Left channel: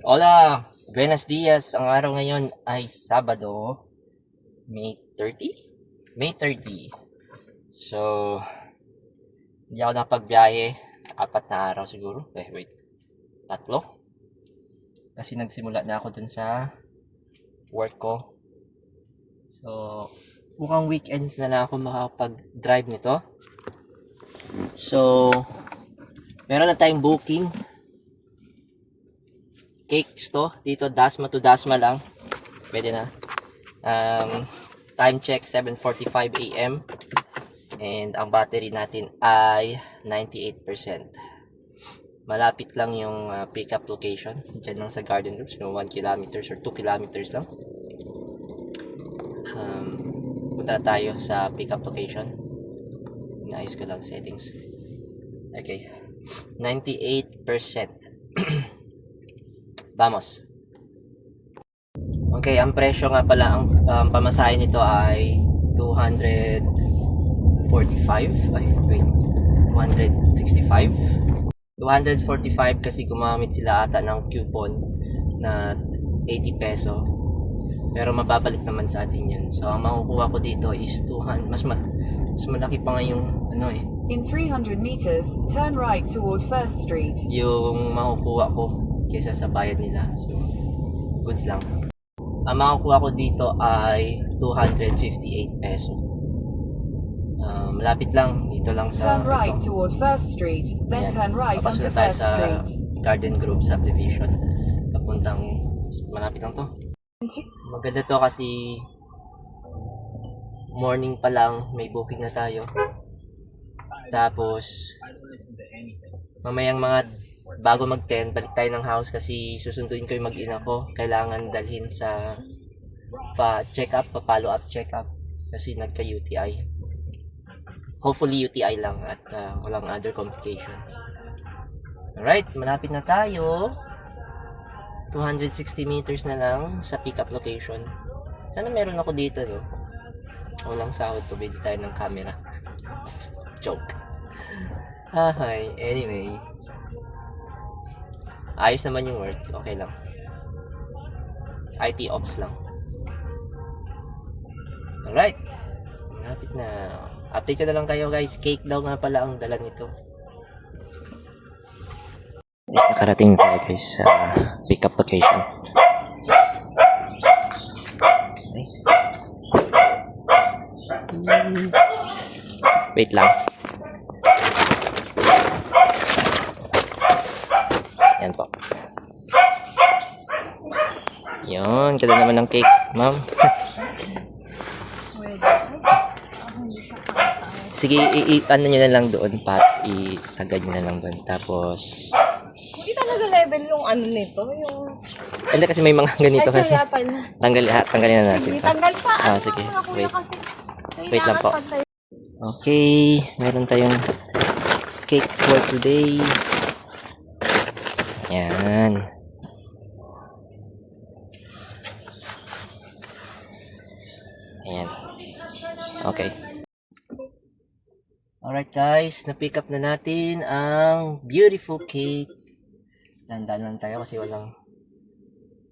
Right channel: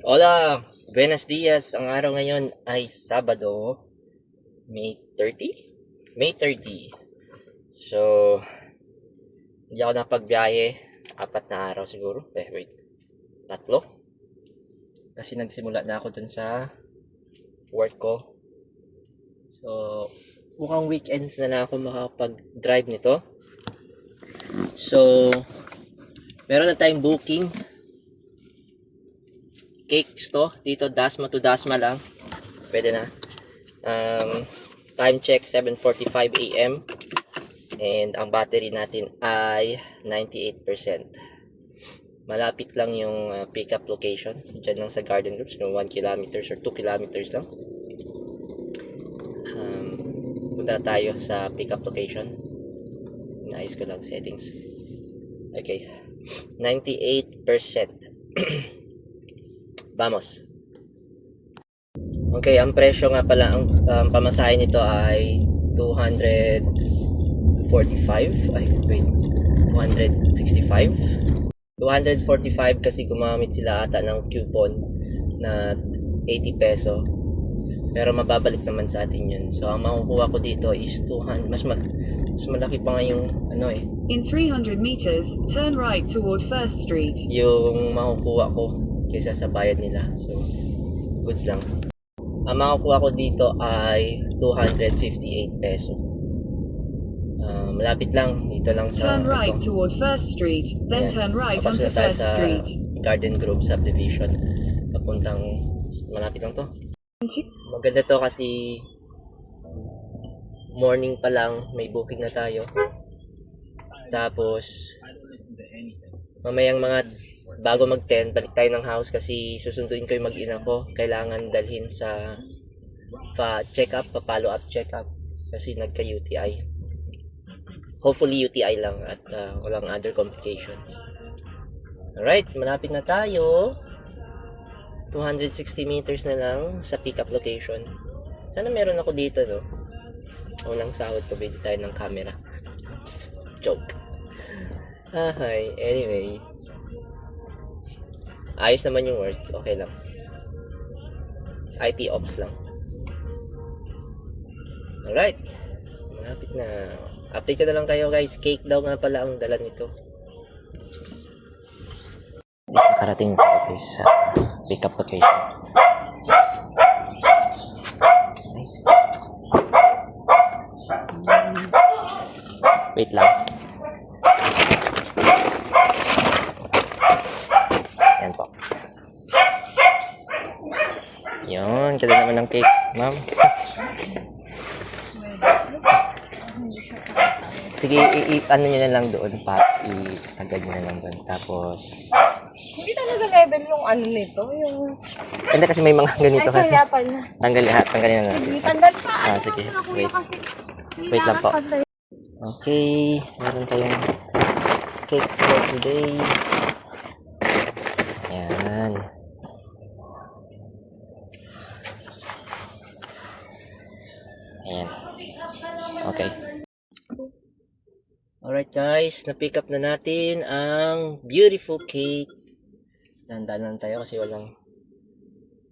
Hola, buenos dias. Ang araw ngayon ay Sabado, May 30? May 30. So, hindi ako napagbiyahe. 4 na araw siguro. Wait. Tatlo. Kasi nagsimula na ako dun sa work ko. So, mukhang weekends na ako makapag-drive nito. So, meron na tayong booking. Cakes to. Dito, Dasma to Dasma lang. Pwede na. Time check 7:45 AM. And ang battery natin ay 98%. Malapit lang yung pickup location. Diyan lang sa Garden Groups, no 1 kilometers or 2 kilometers lang. Punta na tayo sa pickup location. Naayos ko lang settings. Okay. 98%. Vamos. Okay, ang presyo nga pala, ang pamasahe nito ay 245. Ay, wait. 265. 245 kasi gumamit sila ata ng coupon na 80 peso. Pero mababalik naman sa atin yun. So, ang makukuha ko dito is 200. Mas malaki pa nga yung ano eh. In 300 meters, turn right toward First Street. Yung makukuha ko kaysa sa bayad nila. So, goods lang. Ang makukuha ko dito ay 258 peso. Malapit lang. Dito lang sa Turn right toward First Street, then Ayan. turn right Papasok onto na tayo First sa Street. Garden Grove Subdivision. Papuntang malapit lang to. Maganda to kasi morning pa lang may booking na tayo. Tapos mamayang mga bago mag 10 balik tayo ng house kasi susunduin ko yung mag-ina ko. Kailangan dalhin sa check up, pa-follow up check up kasi nagka-UTI. Hopefully UTI lang at walang other complications. Alright, malapit na tayo. 260 meters na lang sa pickup location. Sana meron ako dito, no? Unang sahod to, bili tayo ng camera. Joke. Hi, anyway. Ayos naman yung work. Okay lang. IT ops lang. Alright. Malapit na. Update ko na lang kayo guys. Cake daw nga pala ang dala nito. Nakarating tayo guys sa pickup location. Wait lang. Ayan po. Yun, ganda naman ng cake, ma'am. Sige, ano nyo na lang doon, isagad nyo na lang doon. Tapos, Hindi talaga level yung ano nito, yung... hindi kasi may mga ganito Ay, kasi. kaya pala. Tanggalin na natin. Hindi, tanggal pa. Sige, Ano, kuya, wait. kasi Wait lang po. kailangan Okay, meron tayong cake for today. Yan. Ayan. Okay. Alright guys, na-pick up na natin ang beautiful cake. Dahan-dahan lang tayo kasi walang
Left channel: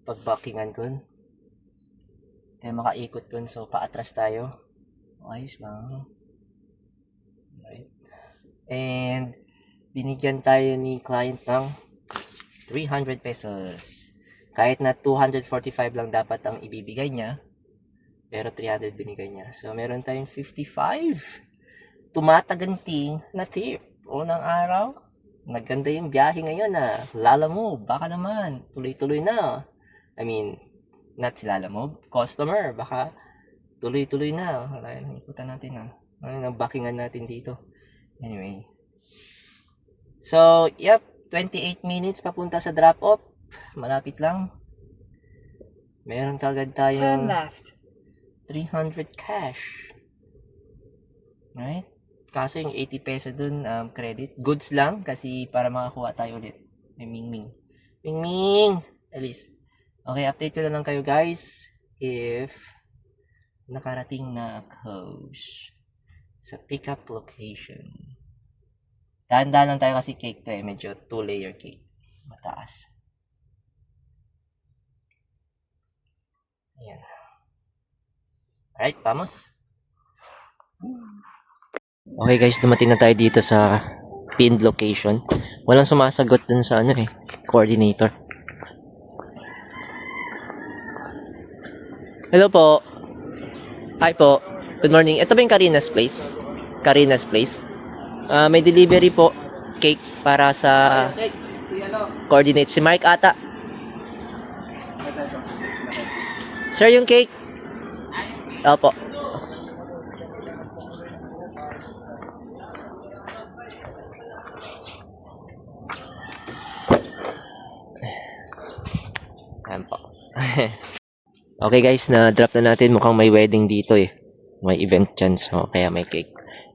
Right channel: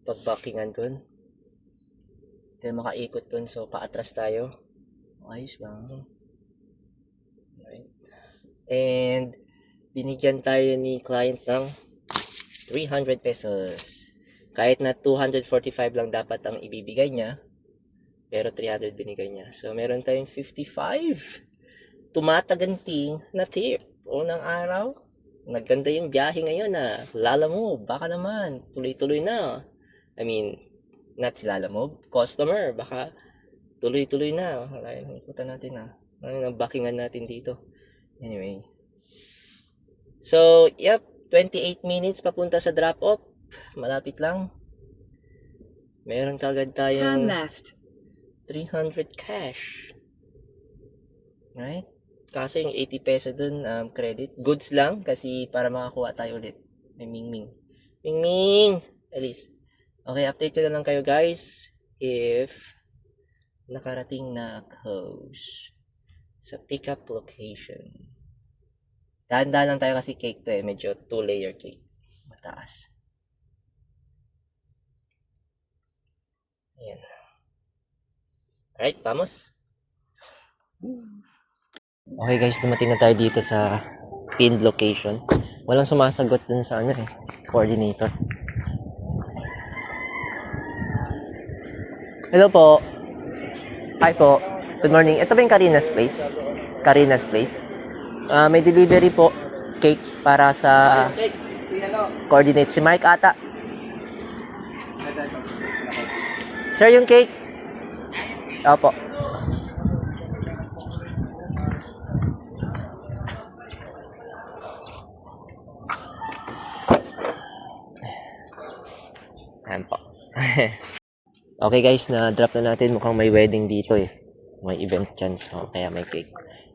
pag-backingan dun. Hindi tayo makaikot dun, so paatras tayo. Ayos lang. Right. And binigyan tayo ni client ng 300 pesos. Kahit na 245 lang dapat ang ibibigay niya, pero 300 binigay niya. So meron tayong 55 tumataganting na tip. Unang araw, nagganda yung biyahe ngayon Lala Move, baka naman tuloy-tuloy na. I mean, not si Lala Move, customer, baka tuloy-tuloy na. Ikutan natin ang backingan natin dito. Anyway. So, yep, 28 minutes papunta sa drop-off. Malapit lang. Meron kagad Turn tayong left. 300 cash. Right? Kaso yung 80 peso dun, credit. Goods lang kasi para makakuha tayo ulit. May Mingming. Mingming! Alice. Okay, update ko na lang kayo guys if nakarating na ako sa pickup location. Dahan-dahan lang tayo kasi cake to medyo 2-layer cake. Mataas. Ayan. Alright, vamos. Okay guys, dumating na tayo dito sa pinned location. Walang sumasagot dun sa coordinator. Hello po. Hi po. Good morning. Ito ba yung Karina's Place? Karina's Place. May delivery po. Cake para sa coordinate. Si Mike ata. Sir, yung cake. Opo. Ayan po. Okay guys, na-drop na natin. Mukhang may wedding dito eh. May event dyan, so kaya may cake.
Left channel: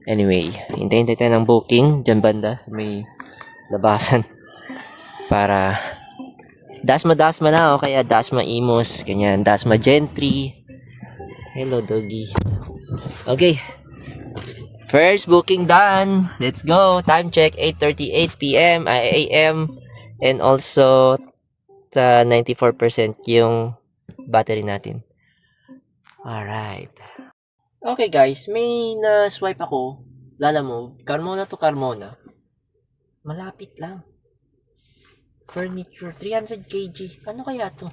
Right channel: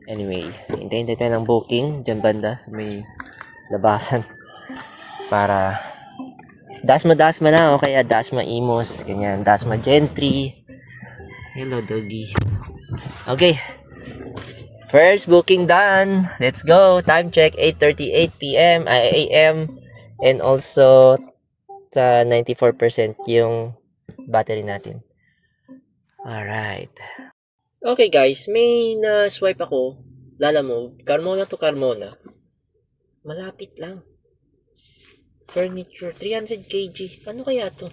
Anyway, hintayin tayo ng booking dyan banda sa may labasan. Para Dasma na o kaya Dasma Imos, ganyan. Dasma Gentry. Hello doggy. Okay. First booking done. Let's go. Time check 8:38 p.m. AM. And also 94% yung battery natin. Alright. Okay guys, may na-swipe ako. Lalamove. Carmona to Carmona. Malapit lang. Furniture, 300 kg. Ano kaya to?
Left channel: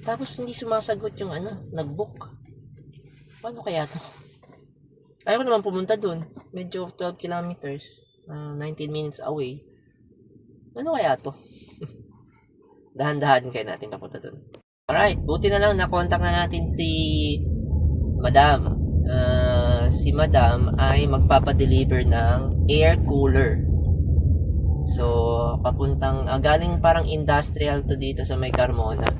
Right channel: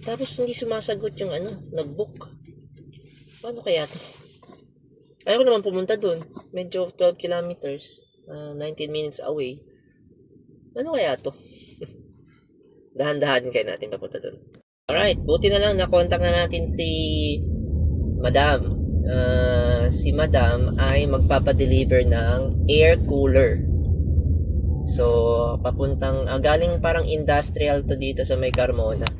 Tapos hindi sumasagot yung nag-book. Paano kaya to? Ayaw ko naman pumunta dun. Medyo 12 kilometers. 19 minutes away. Ano kaya to? Dahan-dahan kaya natin papunta dun. Alright, buti na lang na-contact na natin si Madam. Si Madam ay magpapadeliver ng air cooler. So, papuntang, galing parang industrial to dito sa may Carmona.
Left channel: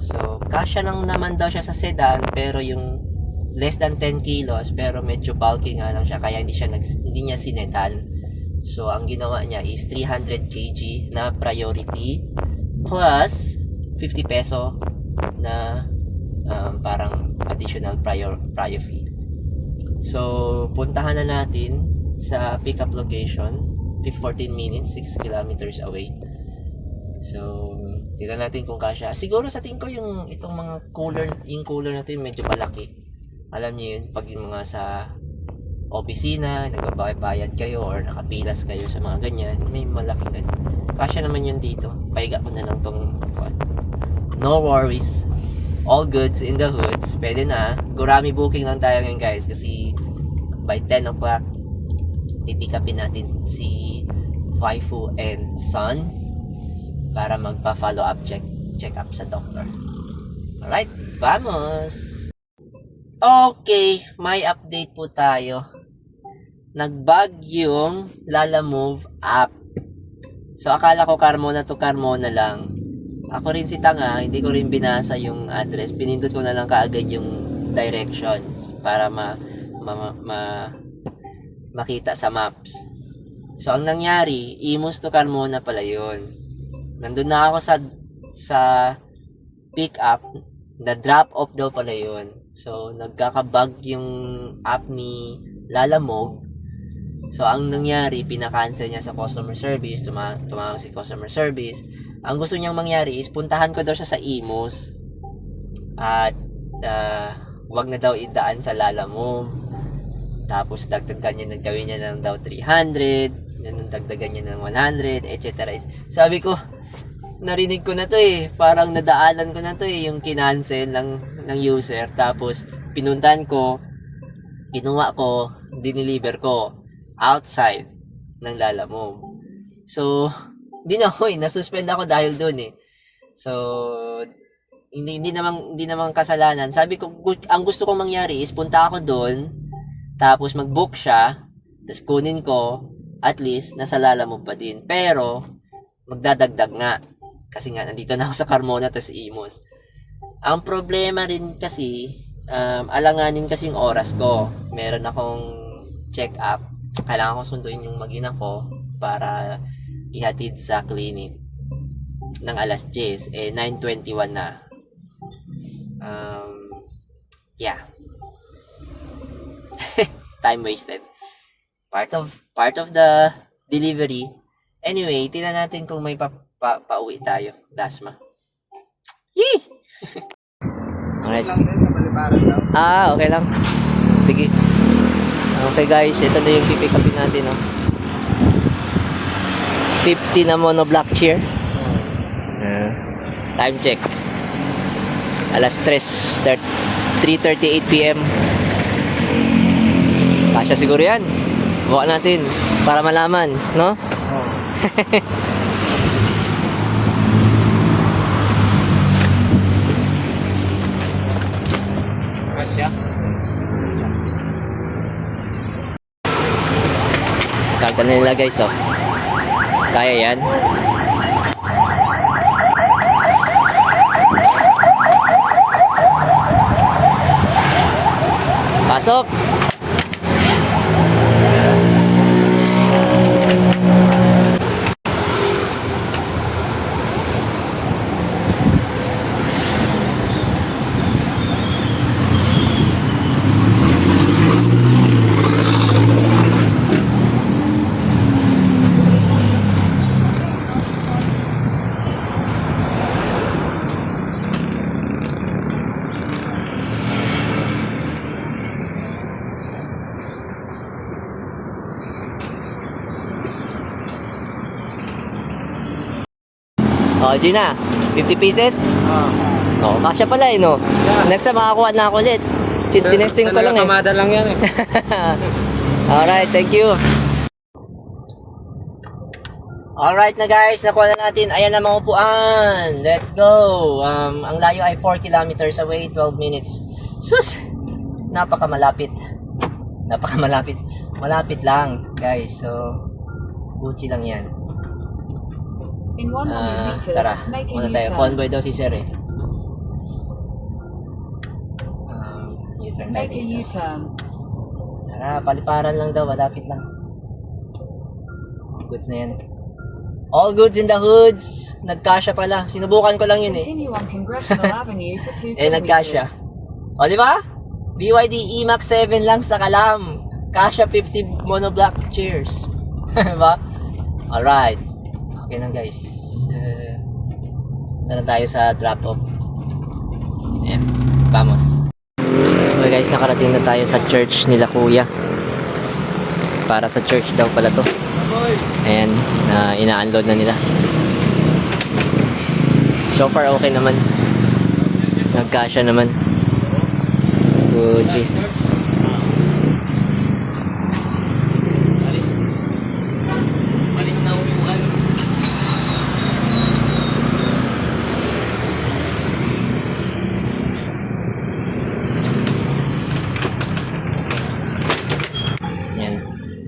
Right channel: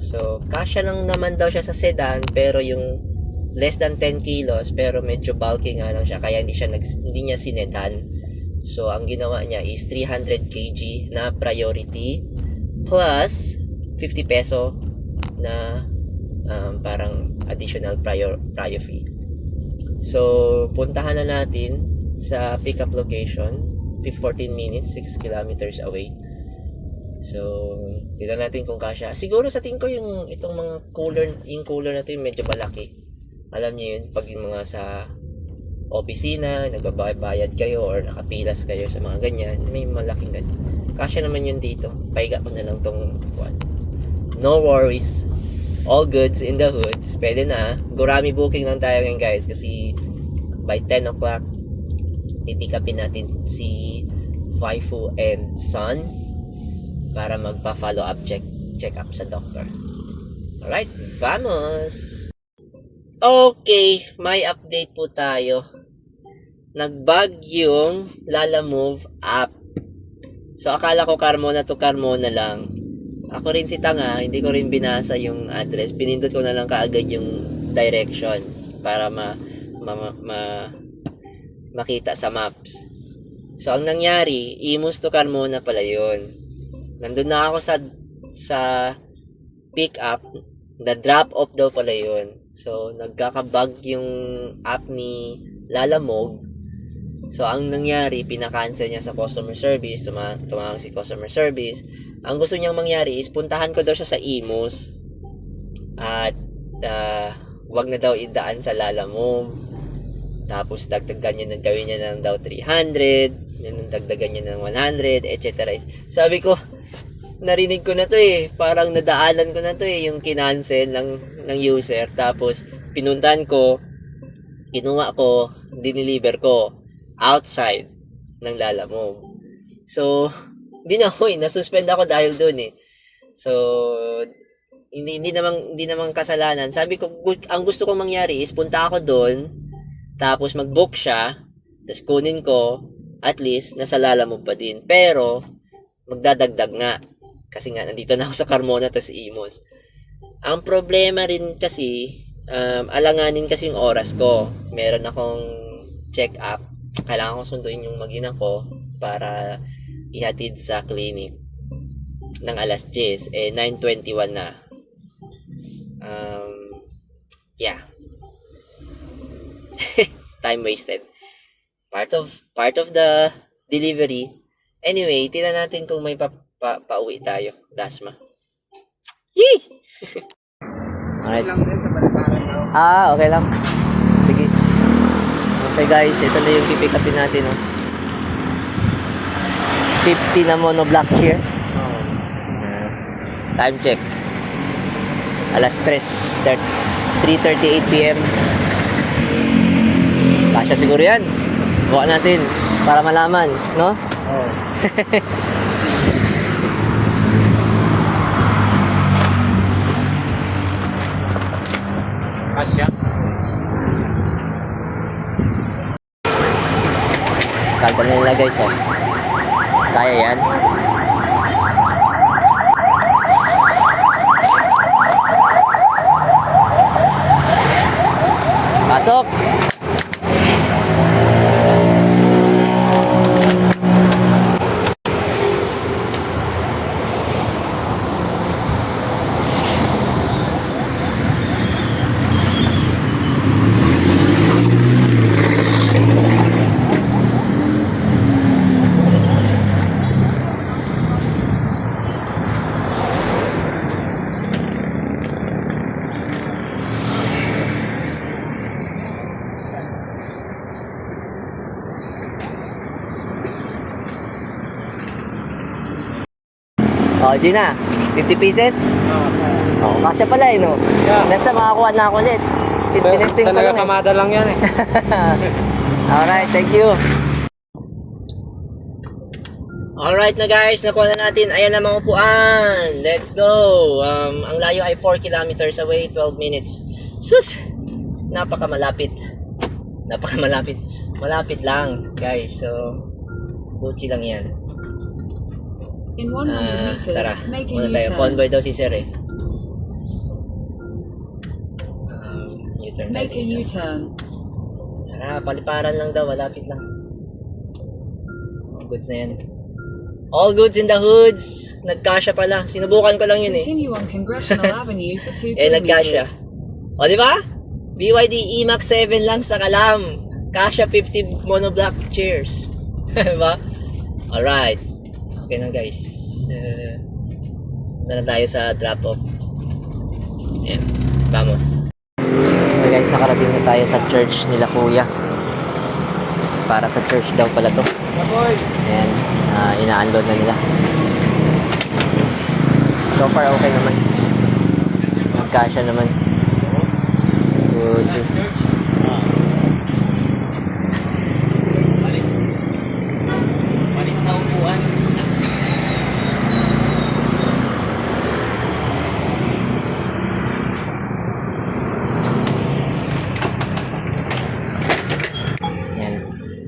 So, kasya lang naman daw siya sa sedan, pero yung less than 10 kilos, pero medyo bulky nga lang siya, kaya hindi niya sinedan. So, ang ginawa niya is 300 kg na priority, plus 50 peso na parang additional prior fee. So, puntahan na natin sa pickup location. 14 minutes, 6 kilometers away. So, tignan natin kung kasya. Siguro sa tingin ko itong mga cooler, yung cooler na to yung medyo malaki. Alam niyo yun, pag yung mga sa opisina, nagbabayad kayo or nakapilas kayo sa mga ganyan, may malaking ganyan. Kasya naman yun dito. Paiga ko na lang tong one. No worries. All goods in the hoods. Pwede na. Gurami booking lang tayo ngayon guys kasi by 10 o'clock pipick upin natin si waifu and son para magpa-follow up check up sa doctor. Alright, vamos! Okay, may update po tayo. Nagbag yung Lalamove app. So, akala ko Carmona to Carmona lang. Ako rin si tanga, hindi ko rin binasa yung address. Pinindot ko na lang kaagad yung direction para makita sa maps. So, ang nangyari, Imus to Carmona pala yun. Nandun na ako sa pick up, na drop off daw pala yun. So, nagkakabug yung app ni Lalamove. So, ang nangyari, pinakancel niya sa customer service, tumawag si customer service. Ang gusto niyang mangyari is, puntahan ko daw siya sa Imus. At, wag na daw idaan sa Lalamove. Tapos dagdagan niya, nagawin niya ng daw 300, dagdagan niya ng 100, etc. Sabi ko, narinig ko na to eh. Parang nadaanan ko na to eh, yung kinancel ng user. Tapos, pinuntan ko, kinuha ko, dineliver ko, outside ng Lalamove. So, hindi na ako eh, nasuspend ako dahil doon eh. So, hindi naman kasalanan. Sabi ko, ang gusto kong mangyari is, punta ako doon, tapos mag-book siya, tapos kunin ko, at least, nasa Lalamove pa din. Pero, magdadagdag nga. Kasi nga, nandito na ako sa Carmona, tapos Imus. Ang problema rin kasi, alanganin kasi yung oras ko. Meron akong check-up. Kailangan kong sunduin yung mag-ina ko para ihatid sa clinic ng alas 10. 9:21 na. Yeah. Time wasted. Part of the delivery. Anyway, tingnan natin kung may pauwi tayo. Dasma. Yee! Alright. Lang din sa Balibaran daw. Okay lang. Sige. Okay guys, ito na yung pipick upin natin, no? 50 na monoblock chair. Time check. Alas 3:38 p.m. Kasya siguro yan. Buka natin para malaman, no? Kasya. Karga na nila guys, oh. Kaya yan. Pasok! Oh, Gina, 50 pieces? Oh, kasya pala eh, no? Next time makakuha na ako ulit. Tinesting ko lang eh. Kamada lang yan eh. Alright, thank you. Alright na guys, nakuha na natin. Ayan na mga upuan. Let's go. Ang layo ay 4 kilometers away, 12 minutes. Sus! Napakamalapit. Napakamalapit. Malapit lang, guys. So, Gucci lang yan. In 100 meters, Tara, make a muna tayo. U-turn. Convoy daw si Sir eh. U-turn tayo Make a dito. U-turn. Tara, paliparan lang daw. Malapit lang. Goods na yan. All goods in the hoods. Nagkasya pala. Sinubukan ko lang yun eh. Continue on Congressional Avenue for 2 Nagkasya. kilometers. O, di ba? BYD E-Max 7 lang sa Kalam. Kasya 50 monoblock chairs. Diba? Alright. Okay na guys. Na tayo sa drop-off. Ayan. Vamos. Okay guys, nakarating na tayo sa church nila kuya. Para sa church daw pala to. Ayan. Ina-unload na nila. So far okay naman. Nagkasya naman. Gucci.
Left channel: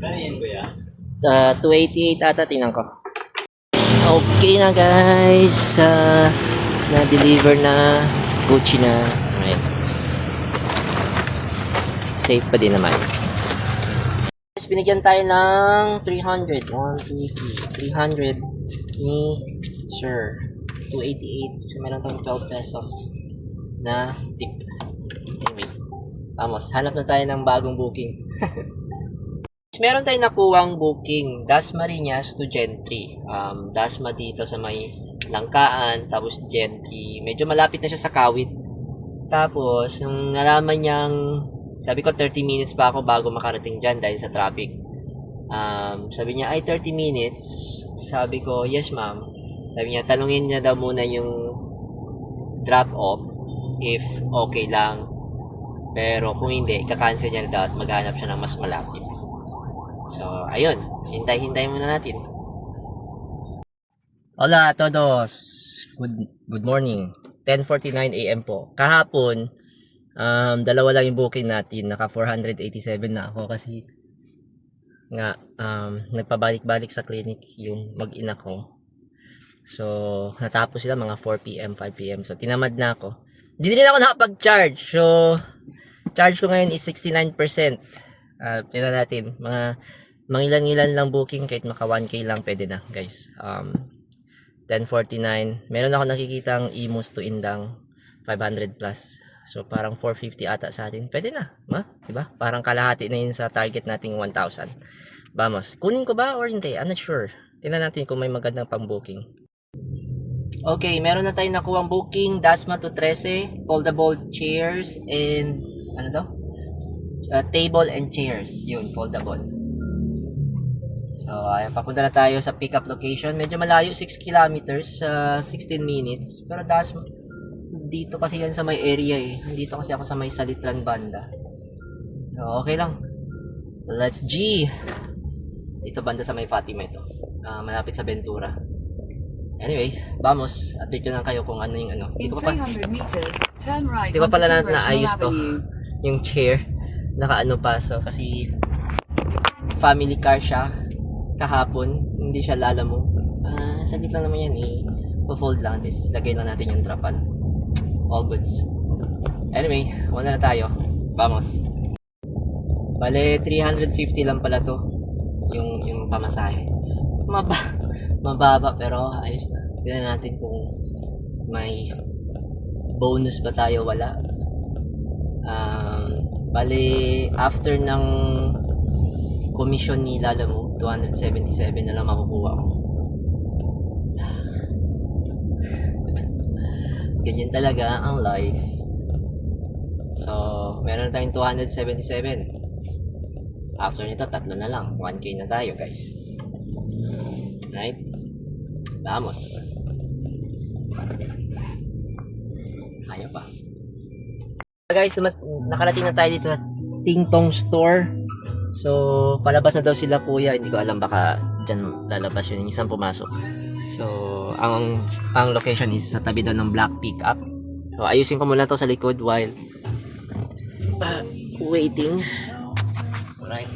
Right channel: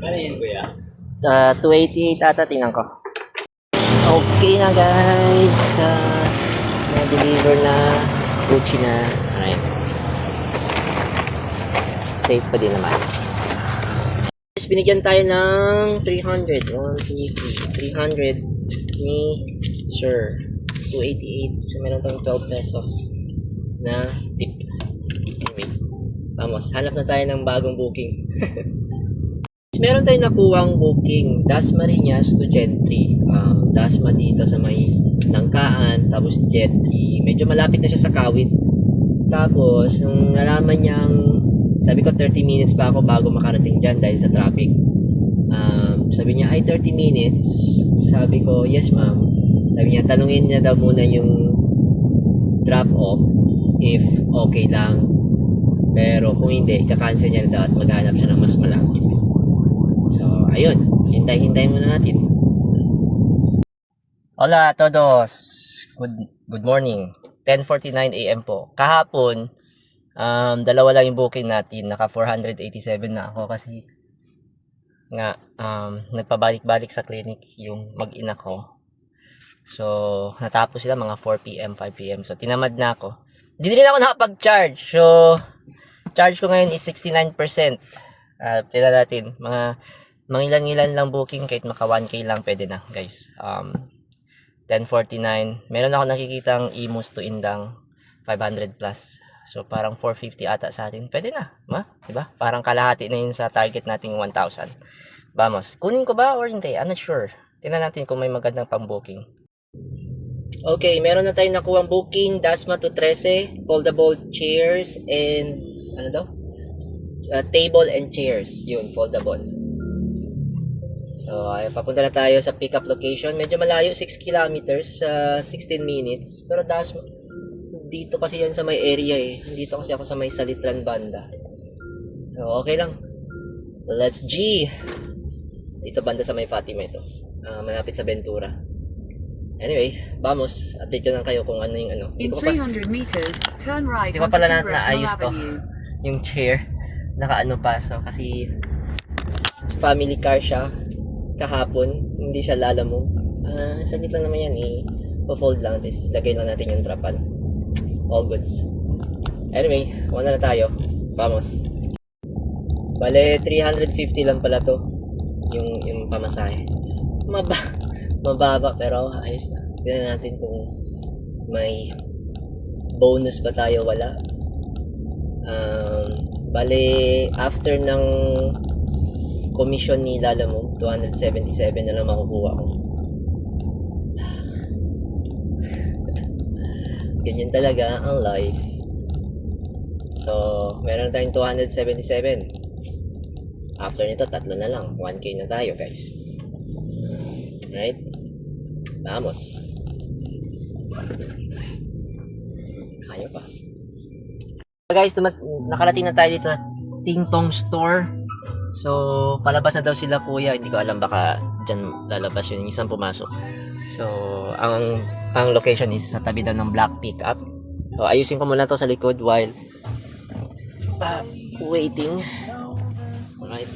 Ano kuya? 288 ata, tingnan ko. Okay na guys. Na-deliver na. Gucci na. Alright. Safe pa din naman. Guys, binigyan tayo ng 300. 1, 2, 3. 300 ni Sir. 288. So, meron tong 12 pesos na tip. Anyway. Vamos, hanap na tayo ng bagong booking. Meron tayong nakuwang booking, Dasmariñas to Gentry. Dasma dito sa may Langkaan, tapos Gentry. Medyo malapit na siya sa Kawit. Tapos, nung nalaman niyang, sabi ko 30 minutes pa ako bago makarating dyan dahil sa traffic. Sabi niya, ay 30 minutes. Sabi ko, yes ma'am. Sabi niya, tanungin niya daw muna yung drop off if okay lang. Pero kung hindi, kakancel niya na daw at maghanap siya ng mas malapit. So, ayun. Hintay-hintay muna natin. Hola a todos. Good morning. 10:49 AM po. Kahapon, dalawa lang yung booking natin. Naka 487 na ako kasi nga nagpabalik-balik sa clinic yung mag-ina ko. So, natapos sila mga 4 PM, 5 PM. So, tinamad na ako. Hindi rin ako nakapag-charge. So, charge ko ngayon is 69%. Pila natin, mga ilan-ilan lang booking, kahit maka 1K lang pwede na guys. 10:49, meron ako nakikitang Imus to Indang 500 plus, so parang 450 ata sa atin, pwede na, diba? Parang kalahati na yun sa target nating 1,000. Vamos, kunin ko ba or hindi? I'm not sure. Tingnan natin kung may magandang pang booking. Okay, meron na tayong nakuhang booking, Dasma to 13, foldable chairs and ano daw? Table and chairs, yun, foldable. So, papunta na tayo sa pickup location. Medyo malayo, 6 kilometers, 16 minutes. Pero Dasma, dito kasi yan sa may area eh. Dito kasi ako sa may Salitran banda. So, okay lang. Let's G! Ito banda sa may Fatima ito. Malapit sa Ventura. Anyway, vamos. Update ko lang kayo kung ano yung ano. In 300 meters, turn right Di ko onto pala Congressional naayos to. Avenue. Yung chair. Nakaano pa. So, kasi family car siya. Kahapon. Hindi siya lalamove. Saglit lang naman yan eh. Pa-fold lang. Tapos lagay lang natin yung trapan. All goods. Anyway, una na tayo. Vamos. Bale, 350 lang pala to. Yung pamasahe. Mababa pero ayos na. Tignan natin kung may bonus ba tayo, wala. Bale, after ng commission ni Lalamove, 277 na lang makukuha ko. Ganyan talaga ang life. So, meron na tayong 277. After nito, 3 na lang. 1K na tayo, guys. Right? Vamos. Ayaw pa. Guys, nakarating na tayo dito sa Ting Tong Store. So, palabas na daw sila kuya. Hindi ko alam, baka dyan lalabas yun. Isang pumasok. So, ang location is sa tabi daw ng black pickup. So, ayusin ko muna to sa likod while waiting. Alright.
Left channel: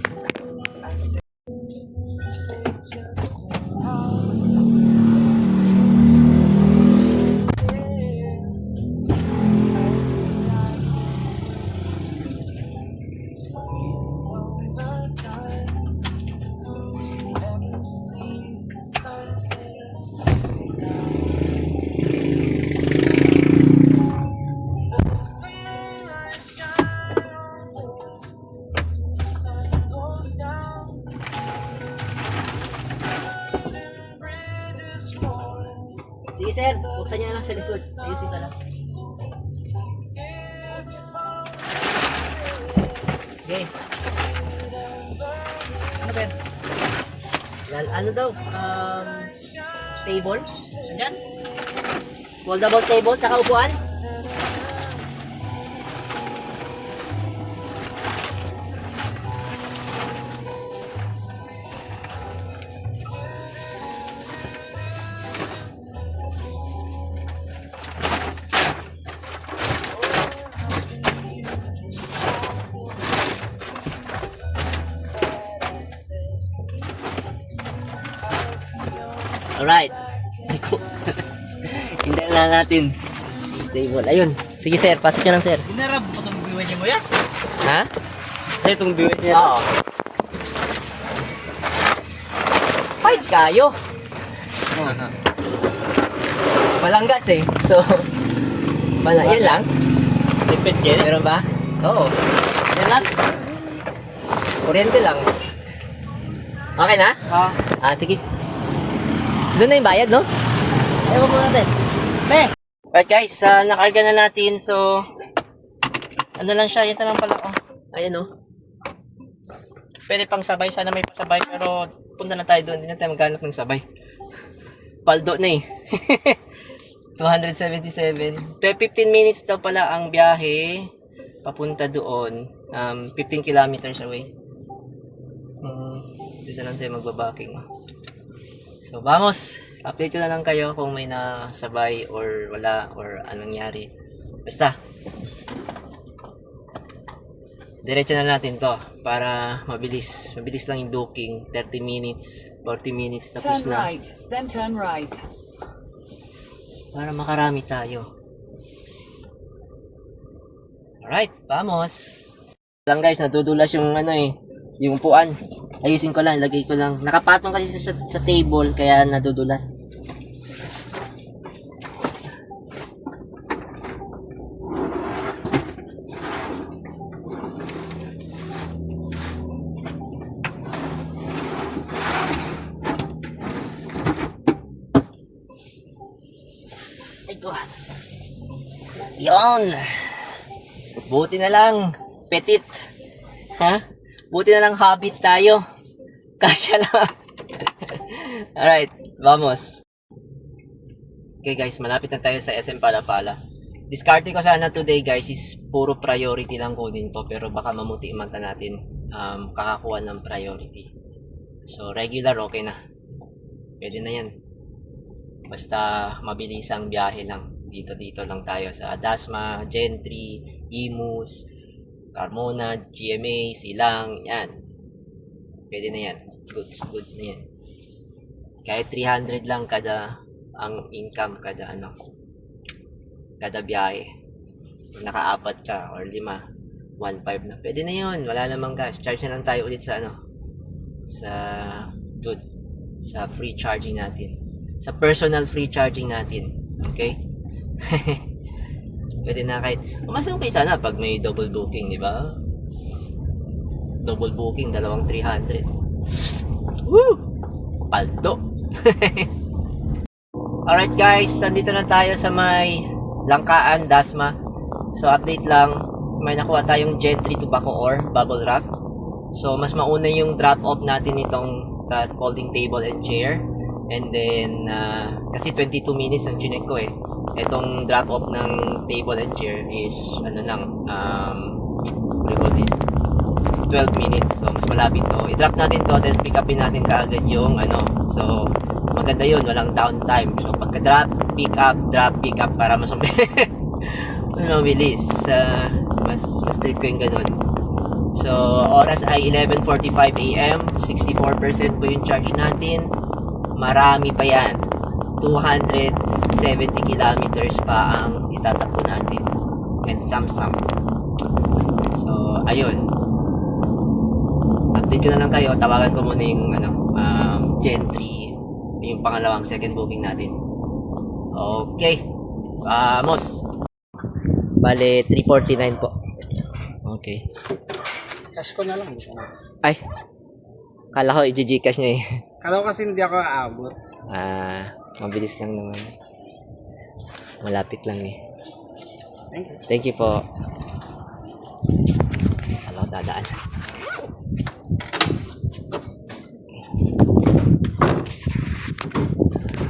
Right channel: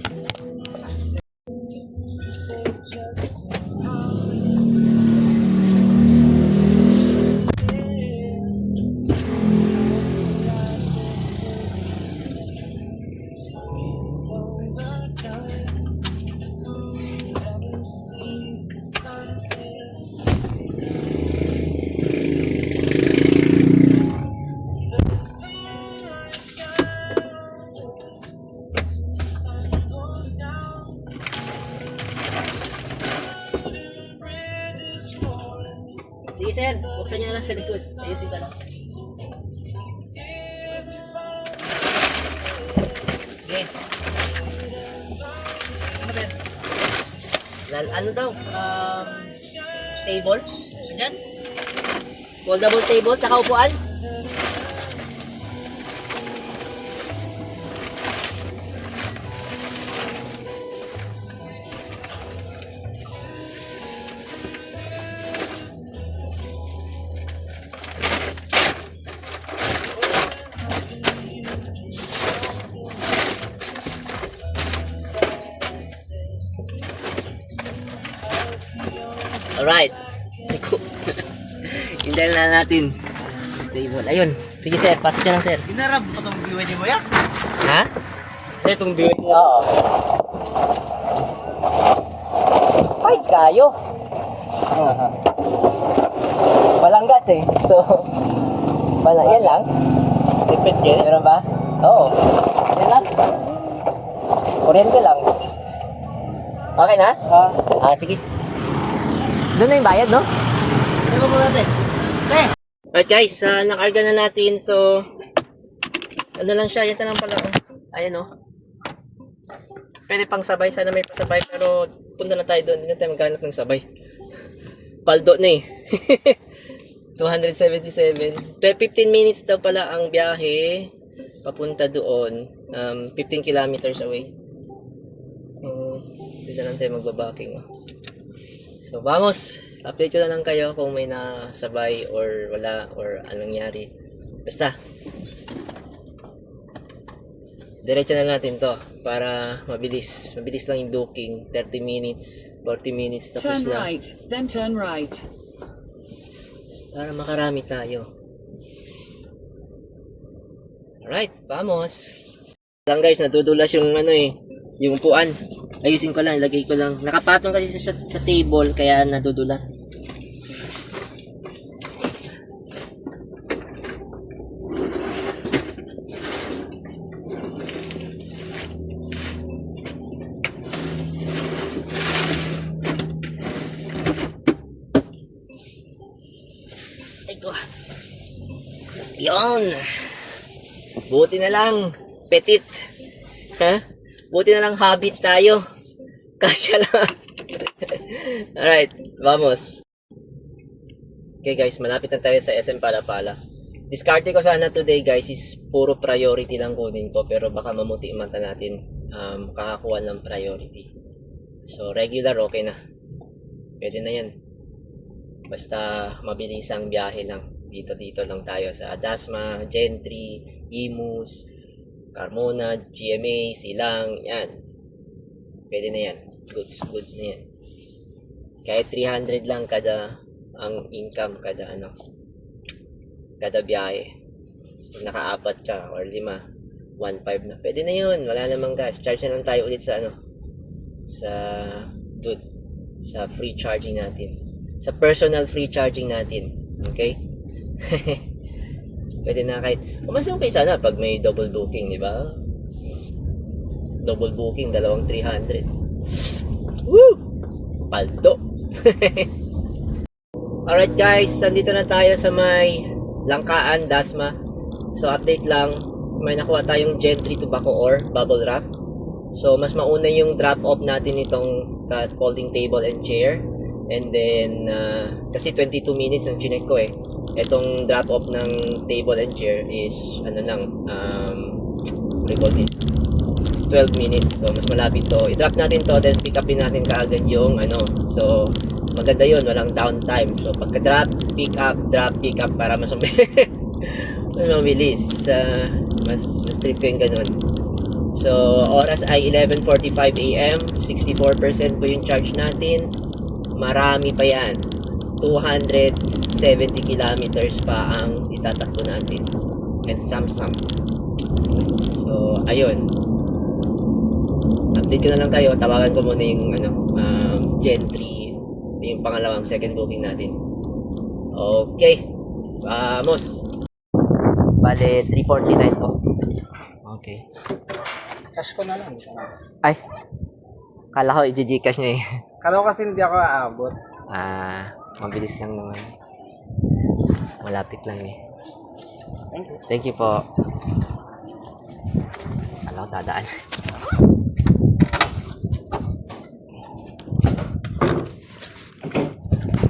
Sige sir, buksan niya na lang sa likod. Ayusin ka lang. Okay. Ano daw? Table? Diyan? Foldable table, tsaka upuan? Alright. Hintayin lang natin. Table. Ayun. Sige sir, pasok nyo lang sir. Binarap mo itong biwan niya mo ya? Ha? Sa itong biwan niya? Oo. Fights kayo. Walang gas eh. So, yan lang. Lipid kayo? Meron ba? Oo. Yan lang? Kuryente lang. Okay na? Sige. Doon na yung bayad, no? Ewan mo natin. Alright guys, nakarga na natin. So, ano lang siya, yan na lang pala. Oh. Ayan oh. Pwede pang sabay, sana may pasabay. Pero punta na tayo doon, hindi na tayo maghanap ng sabay. Paldo na eh. 277. 15 minutes daw pala ang biyahe papunta doon. 15 kilometers away. Dito lang tayo magbabaking. Oh. So, vamos. Update ko na lang kayo kung may nasabay or wala or anong nangyari. Basta. Diretso na natin to para mabilis. Mabilis lang yung booking. 30 minutes, 40 minutes tapos Turn na. right, then turn right. Para makarami tayo. Alright, vamos. Lang guys, nadudulas yung ano eh, yung upuan. Ayusin ko lang, ilagay ko lang. Nakapatong kasi sa table kaya nadudulas. Ito. Yon. Buti na lang. Petit. Ha? Buti na lang habit tayo. Kasya lang. Alright. Vamos. Okay guys, malapit na tayo sa SM Palapala. Diskarte ko sana today guys is puro priority lang kunin ko. Pero baka mamuti manta natin kakakuha ng priority. So regular okay na. Pwede na yan. Basta mabilisang biyahe lang. Dito lang tayo sa Dasma, Gentry, Imus, Carmona, GMA, Silang, yan. Pwede na yan. Goods na yan. Kahit 300 lang kada ang income kada kada biyahe. Kung naka-4 ka or 5, 1.5 na. Pwede na yun. Wala namang gas. Charge na lang tayo ulit sa sa free charging natin. Sa personal free charging natin. Okay? Pwede na kahit mas okay sana pag may double booking, di ba? Double booking, 300. Woo! Paldo! Alright guys, nandito na tayo sa may Langkaan, Dasma. So update lang, may nakuha tayong Gentry tobacco ore, bubble wrap. So mas mauna yung drop off natin itong folding table and chair. And then kasi 22 minutes ang chinek ko eh. Itong drop off ng table and chair is what do you call this? 12 minutes. So mas malapit to. I-drop natin to, then pick upin natin kaagad yung So maganda yun, walang downtime. So pagka-drop, pick up, drop, pick up para mas mabilis. Mas trip ko yung ganun. So oras ay 11:45 AM, 64% po yung charge natin. Marami pa yan. 270 kilometers pa ang itatakbo natin. And some. So, ayun. Update ko na lang kayo. Tawagan ko muna yung Gentry. Yung pangalawang second booking natin. Okay. Vamos. Bale, 349 po. Okay. Cash ko na lang. Ay. Kala ko i-gcash niya eh. Kala ko kasi hindi ako aabot. Mabilis lang naman. Malapit lang eh. Thank you. Thank you po. Kala ko dadaan.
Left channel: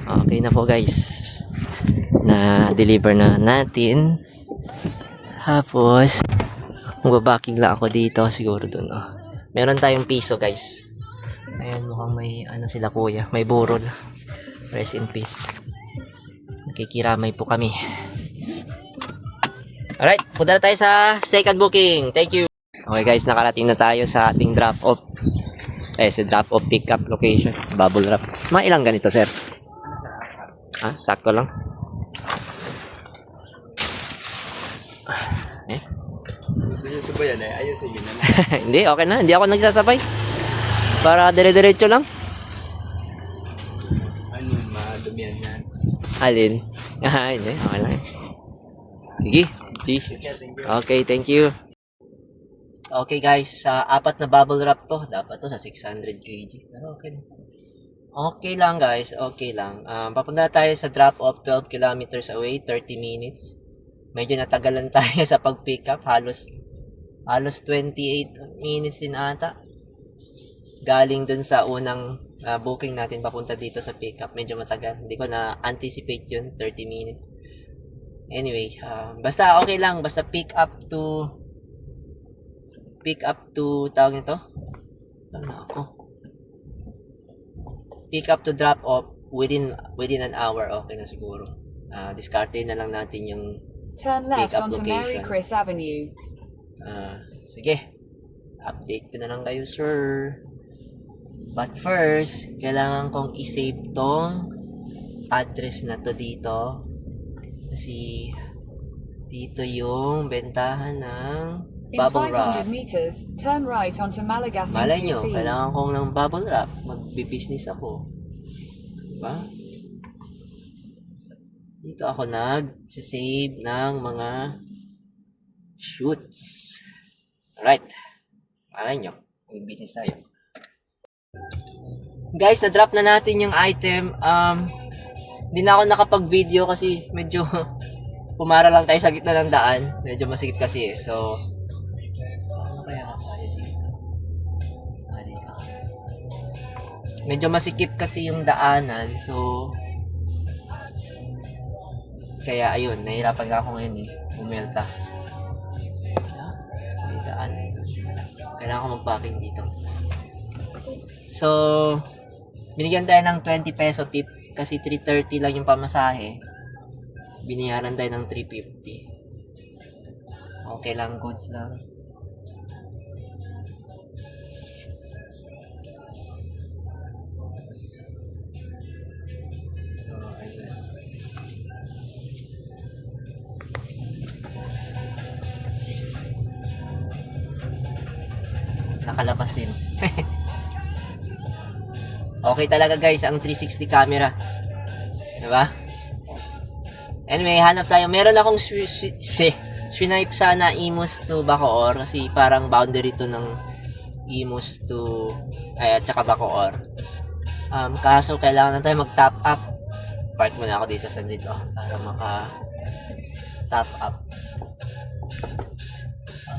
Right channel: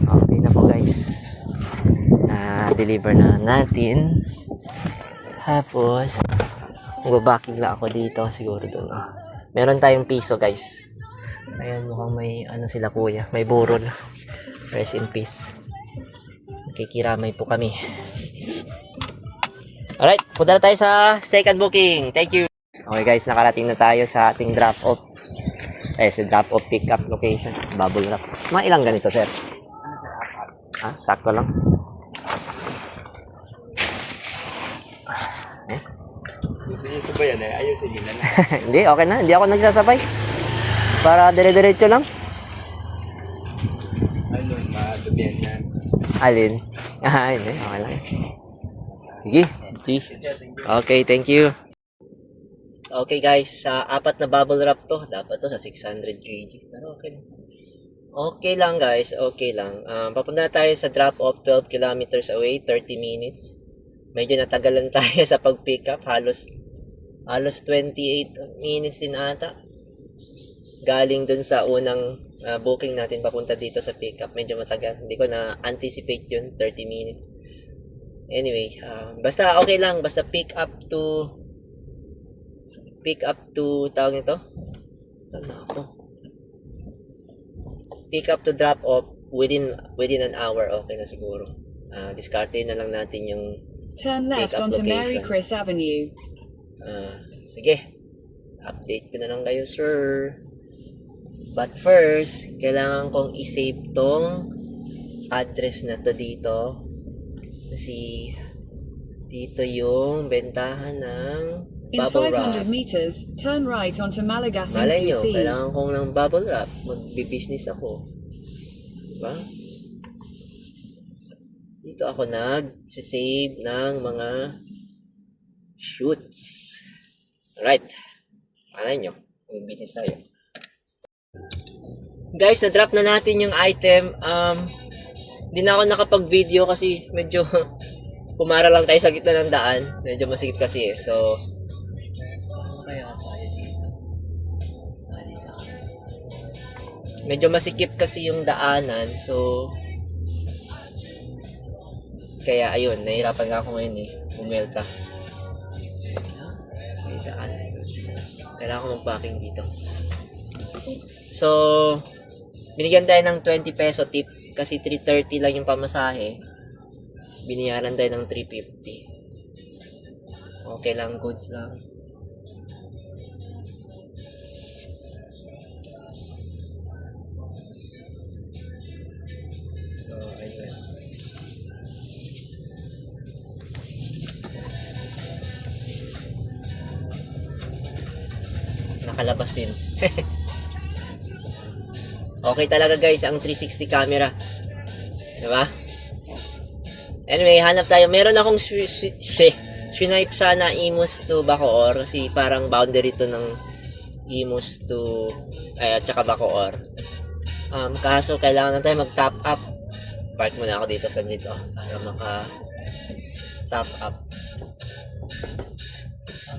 Okay na po guys. Na-deliver na natin. Tapos, magbabaking lang ako dito. Siguro dun. Meron tayong piso guys. Ayan, mukhang may sila kuya. May burol. Rest in peace. Nakikiramay po kami. Alright, punta na tayo sa second booking. Thank you. Okay guys, nakarating na tayo sa ating drop off. Sa drop off pick up location. Bubble wrap. Mga ilang ganito sir? Sakto lang. Sinusubayan eh. Ayusin yun na. Hindi, okay na. Hindi ako nagsasabay. Para dire-diretso lang. Madubihan niya. Alin? Hindi. Okay lang. Sige. Okay, thank you. Okay guys, 4 na bubble wrap to. Dapat to sa 600 kg. Pero okay lang. Okay lang guys, okay lang. Papunta tayo sa drop off 12 kilometers away, 30 minutes. Medyo natagalan tayo sa pag-pick up. Halos 28 minutes din ata. Galing dun sa unang booking natin papunta dito sa pickup. Medyo matagal. Hindi ko na-anticipate yun. 30 minutes. Anyway, basta okay lang. Basta pick up to tawag nito? Pick up to drop off within an hour. Okay na siguro. Diskarte na lang natin yung Turn left pick-up onto Mary location. Chris Avenue. Sige. Update ko na lang kayo, sir. But first, kailangan kong i-save tong address na to dito. Kasi dito yung bentahan ng In bubble wrap. 500 meters, turn right onto Malagasy Malay nyo, 2C. kailangan kong ng bubble wrap. Magbi-business ako. Diba? Dito ako nag-save ng mga shoots. Alright. Malay nyo, mag-business tayo. Guys, na-drop na natin yung item. Hindi na ako nakapag-video kasi medyo pumara lang tayo sa gitna ng daan. Medyo masikip kasi eh. So, ano kaya tayo dito? Dito. Medyo masikip kasi yung daanan. So, kaya ayun, nahihirapan nga ako ngayon eh. Bumelta. May daanan. Kailangan ko mag-packing dito. So, binigyan tayo ng 20 peso tip kasi 330 lang yung pamasahe. Biniyaran tayo ng 350. Okay lang, goods lang. So, ayun. Nakalabas din. Okay talaga guys ang 360 camera. Diba? Anyway, hanap tayo. Meron akong swipe sana Imus to Bacoor kasi parang boundary to ng Imus to at saka Bacoor. Kaso kailangan na tayo mag-top up. Park muna ako dito sa dito para maka-top up.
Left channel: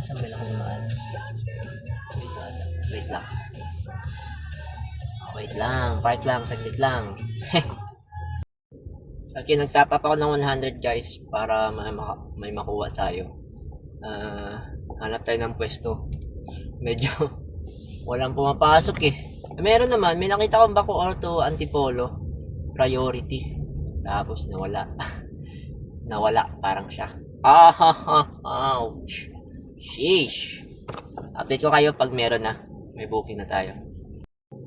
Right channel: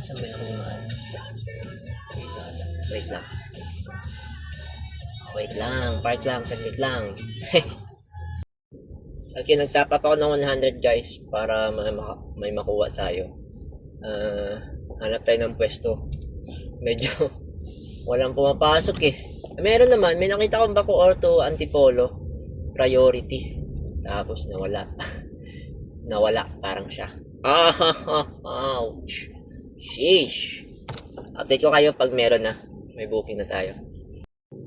Saan ba ako naman? Wait lang. Park lang, saglit lang. Okay, nag-top up ako ng 100 guys para may makuha tayo. Hanap tayo ng pwesto. Medyo walang pumapasok eh. Meron naman, may nakita akong Bacoor to Antipolo priority. Tapos nawala. Nawala parang siya. Ouch. Sheesh. Update ko kayo pag meron na. May booking na tayo.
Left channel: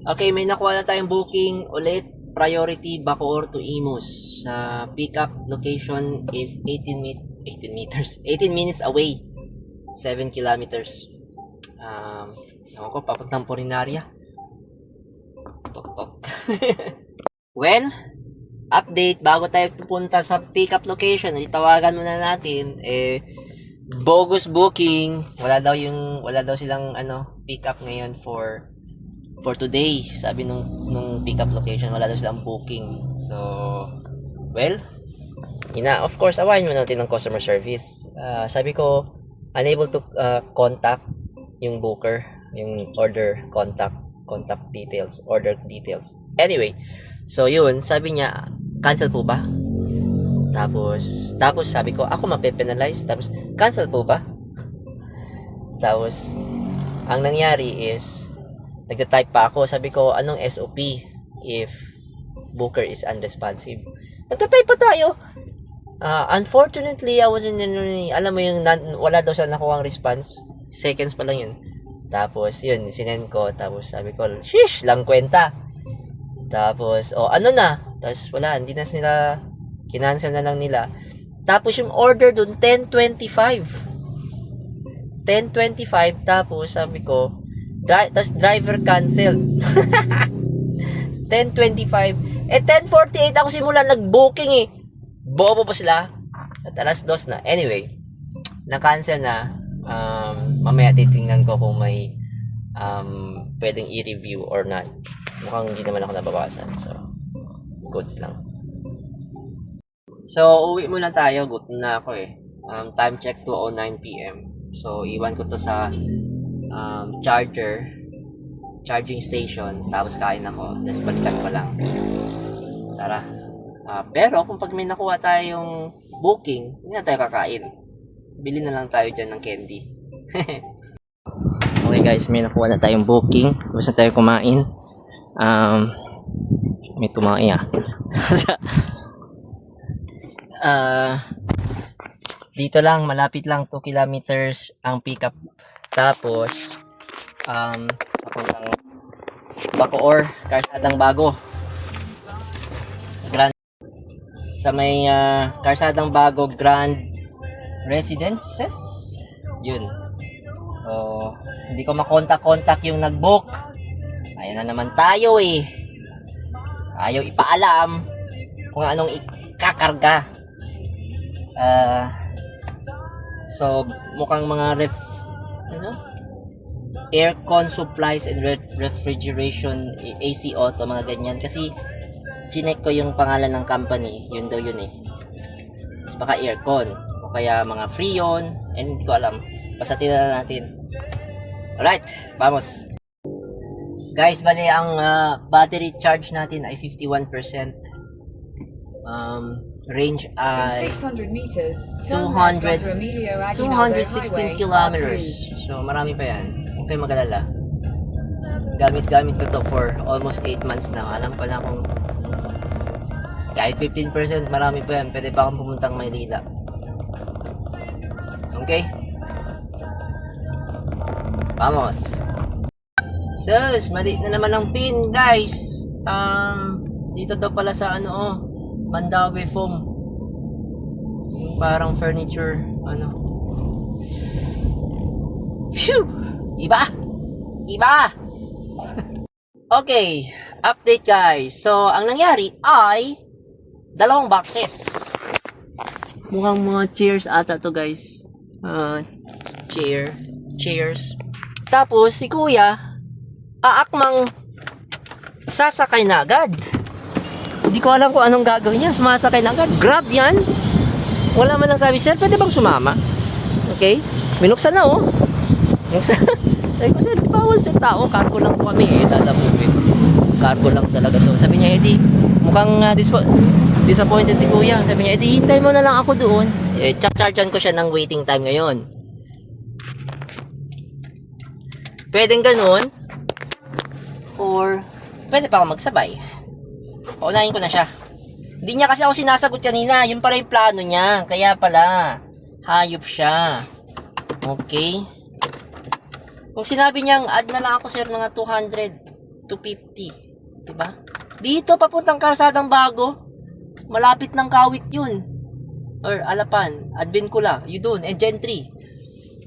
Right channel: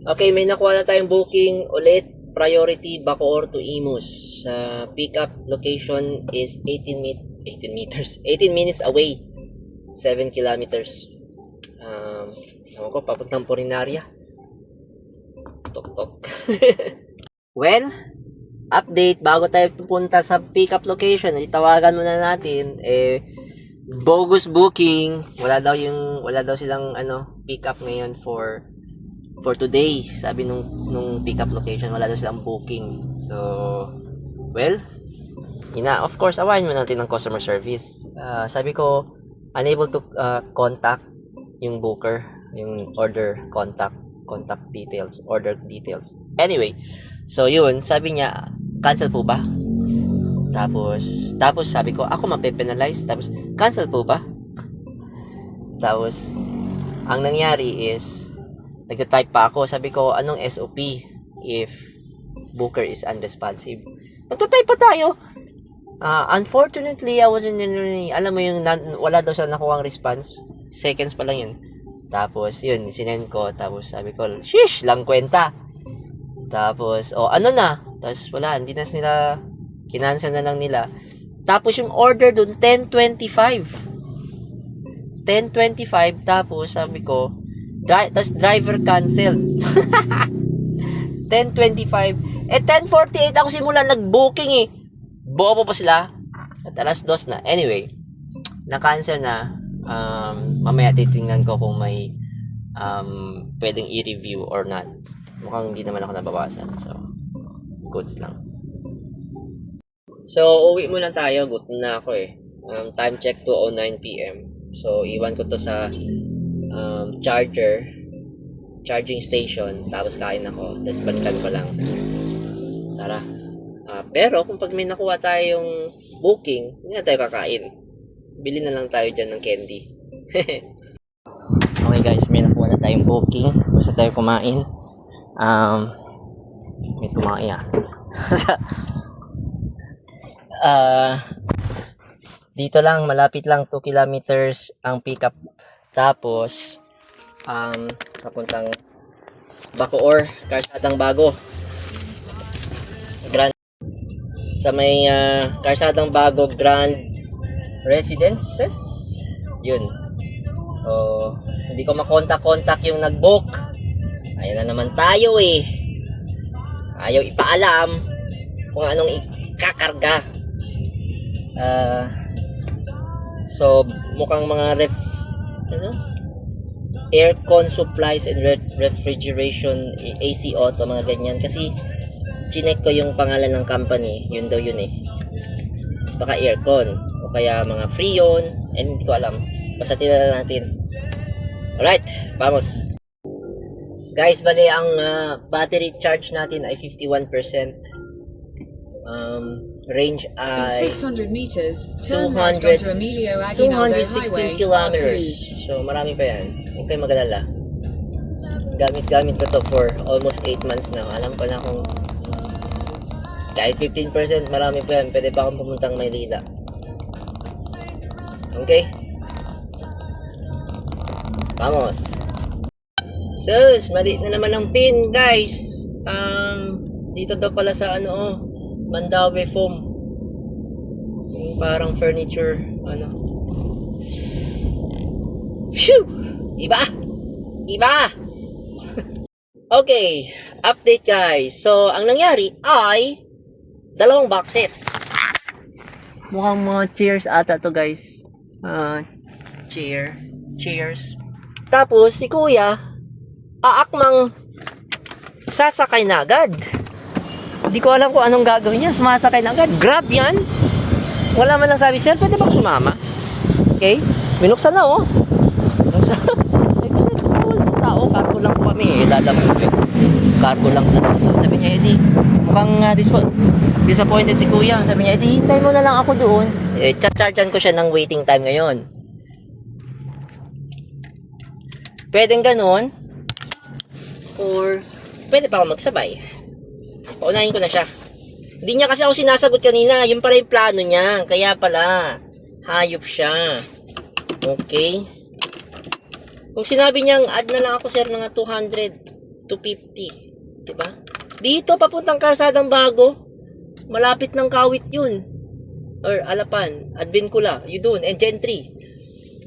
Okay, may nakuha na tayong booking ulit. Priority Bacoor to Imus. Pickup location is 18 minutes away. 7 kilometers. Ewan ko, papuntang Porinaria. Tok. Well, update. Bago tayo pupunta sa pickup location, itawagan muna natin. Bogus booking. Wala daw silang pickup ngayon for today. Sabi nung pickup location, wala daw silang booking. So, well, of course, awayin mo natin ng customer service. Sabi ko, unable to contact yung booker, yung order contact details, order details. Anyway, so yun, sabi niya, cancel po ba? Tapos sabi ko, ako mape-penalize. Tapos, cancel po ba? Tapos, ang nangyari is, nagta-type pa ako. Sabi ko, anong SOP if booker is unresponsive? Nagta-type pa tayo. Unfortunately, I wasn't alam mo yung wala daw siya nakuha ang response. Seconds pa lang yun. Tapos, yun, sinend ko. Tapos, sabi ko, shish, lang kwenta. Tapos, ano na? Tapos, wala, hindi na sila, kinansel na lang nila. Tapos, yung order dun, 10:25. Tapos, sabi ko, tapos driver canceled. 10:25. 10:48 ako simulan nag-booking eh. Bobo pa sila. At alas 2 na. Anyway, na-cancel na. Mamaya titingnan ko kung may pwedeng i-review or not. Mukhang hindi naman ako nabawasan. So, goods lang. So, uwi muna tayo. Gutom na ako eh. Time check 2:09 PM. So, iwan ko to sa charging station, tapos kain ako, tapos balikan ko lang. Tara. Pero kung pag may nakuha tayong booking, hindi na tayo kakain. Bili na lang tayo dyan ng candy. Okay guys, may nakuha na tayong booking. Gusto tayo kumain. May tumaki dito lang, malapit lang, 2 kilometers ang pickup. Tapos papuntang Bacoor, Karsadang Bago. Sa may Karsadang Bago Grand Residences. Yun. Hindi ko makontak yung nag-book. Ayan na naman tayo eh. Ayaw ipaalam kung anong ikakarga. So mukhang mga aircon supplies and refrigeration, AC auto, mga ganyan. Kasi chinek ko yung pangalan ng company, yun daw yun eh. Baka aircon, o kaya mga Freon, and hindi ko alam. Basta tinala natin. Alright, vamos. Guys, bali ang battery charge natin ay 51%. Range At ay 600 meters, turn left onto Emilio Aguinaldo 216 Highway, kilometers. R2. So, marami pa yan. Huwag kayong mag-alala. Gamit ko to for almost 8 months na. Alam ko na kung kahit 15%, marami pa yan. Pwede pa akong pumuntang Maynila. Okay? Vamos! Sus! Mali na naman ang pin, guys! Dito daw pala sa Mandawi Foam. Yung parang furniture, Phew! Iba! Iba! Okay, update guys. So, ang nangyari ay 2 boxes. Mukhang mga chairs ata to guys. Chairs. Tapos, si kuya, aakmang sasakay na agad. Hindi ko alam kung anong gagawin niya. Sumasakay na agad. Grab yan. Wala man lang sabi, sir, pwede bang sumama? Okay? Minuksan na, oh. Minuksan. Sabi ko, sir, bawal sa tao. Cargo lang po kami, dadapupin. Cargo lang talaga to. Sabi niya, edi, mukhang disappointed si kuya. Sabi niya, edi, hintay mo na lang ako doon. Chargean ko siya ng waiting time ngayon. Pwedeng ganun. Or, pwede pa ako magsabay. Paunahin ko na siya. Hindi niya kasi ako sinasagot kanina. Yun pala yung plano niya. Kaya pala, hayop siya. Okay. Kung sinabi niyang add na lang ako sir ng 200, 250. Diba? Dito papuntang Karsadang Bago. Malapit ng Kawit yun. Or Alapan. Advincula. Yun doon. And Gentry.